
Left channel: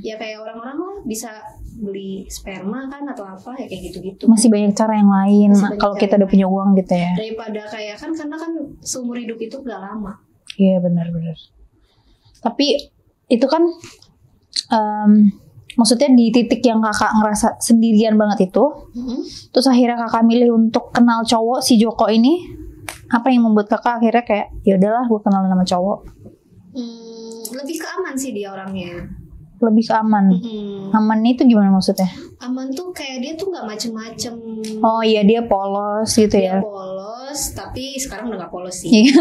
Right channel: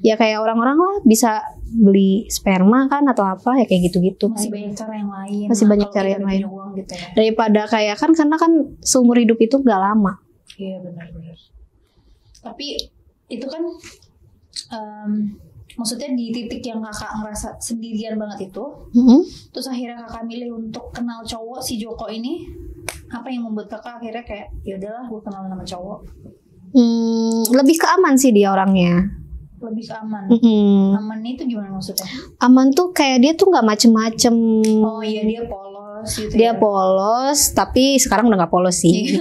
ya kayak orang-orang lah bisa beli sperma kan atau apa ya kayak gitu-gitu. Masih banyak cara yang lain. Kalau kita udah punya uang gitu ya. Daripada kayak karena kan seumur hidup itu gak lama. Iya benar-benar. Tapi itu kan maksudnya di titik yang kakak ngerasa sendirian banget itu, terus akhirnya kakak milih untuk kenal cowok si Joko ini. Apa yang membuat kakak akhirnya kayak ya udahlah gue kenal sama cowok? Lebih ke aman sih dia orangnya. Lebih ke aman. Aman itu gimana maksudnya? Aman tuh kayak dia tuh nggak macem-macem. Oh iya dia polos gitu ya. Dia polos, tapi sekarang udah nggak polos sih.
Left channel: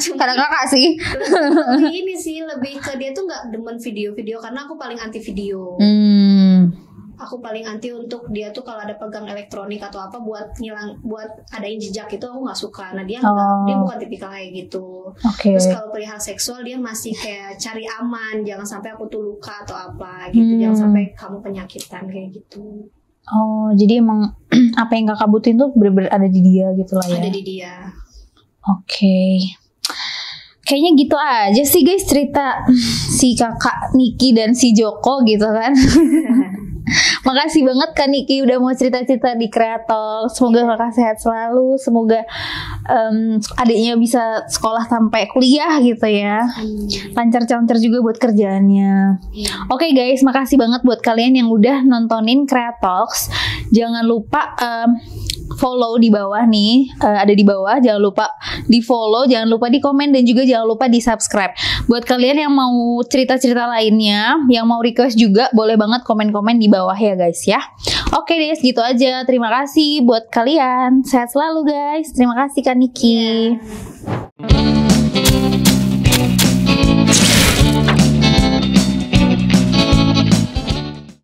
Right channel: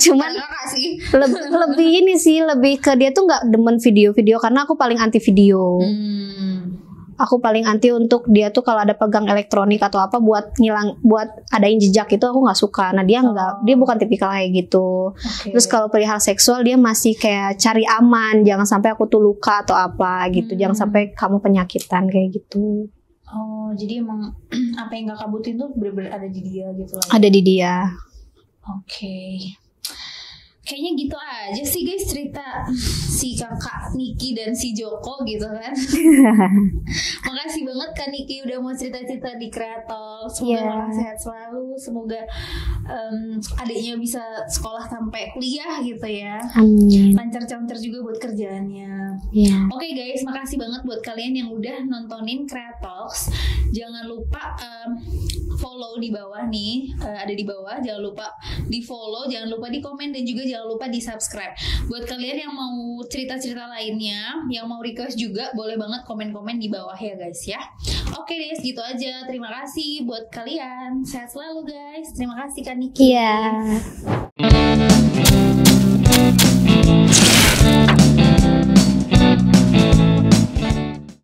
Cuma kakak sih. Lebih ini sih, lebih ke dia tuh nggak demen video-video karena aku paling anti video. Aku paling anti untuk dia tuh kalau ada pegang elektronik atau apa buat adain jejak itu aku nggak suka. Nah dia nggak, dia bukan tipikal kayak gitu. Terus kalau perihal seksual dia masih kayak cari aman, jangan sampai aku tuh luka atau apa gitu, jangan sampai kamu penyakitan kayak gitu. Oh jadi emang apa yang kakak butuhin tuh bener-bener ada di dia gitu lah ya? Ada di dia. Oke. Kayaknya gitu aja sih guys cerita si kakak Niki dan si Joko gitu kan. Makasih banget Kak Niki udah mau cerita-cerita di Kreator. Semoga kakak sehat selalu. Semoga adiknya bisa sekolah sampai kuliah gitu ya. Lancar-lancar juga buat kerjaannya. Oke guys, makasih banget buat kalian yang udah nontonin Kreatoks. Jangan lupa follow di bawah nih, ada di bawah. Jangan lupa di follow, jangan lupa di komen, dan juga jangan lupa di subscribe. Buat kalian yang mau cerita-cerita lainnya, yang mau request juga, boleh banget komen-komen di bawah ya guys ya. Oke deh, segitu aja. Terima kasih buat kalian. Sehat selalu guys. Terima kasih Kak Niki.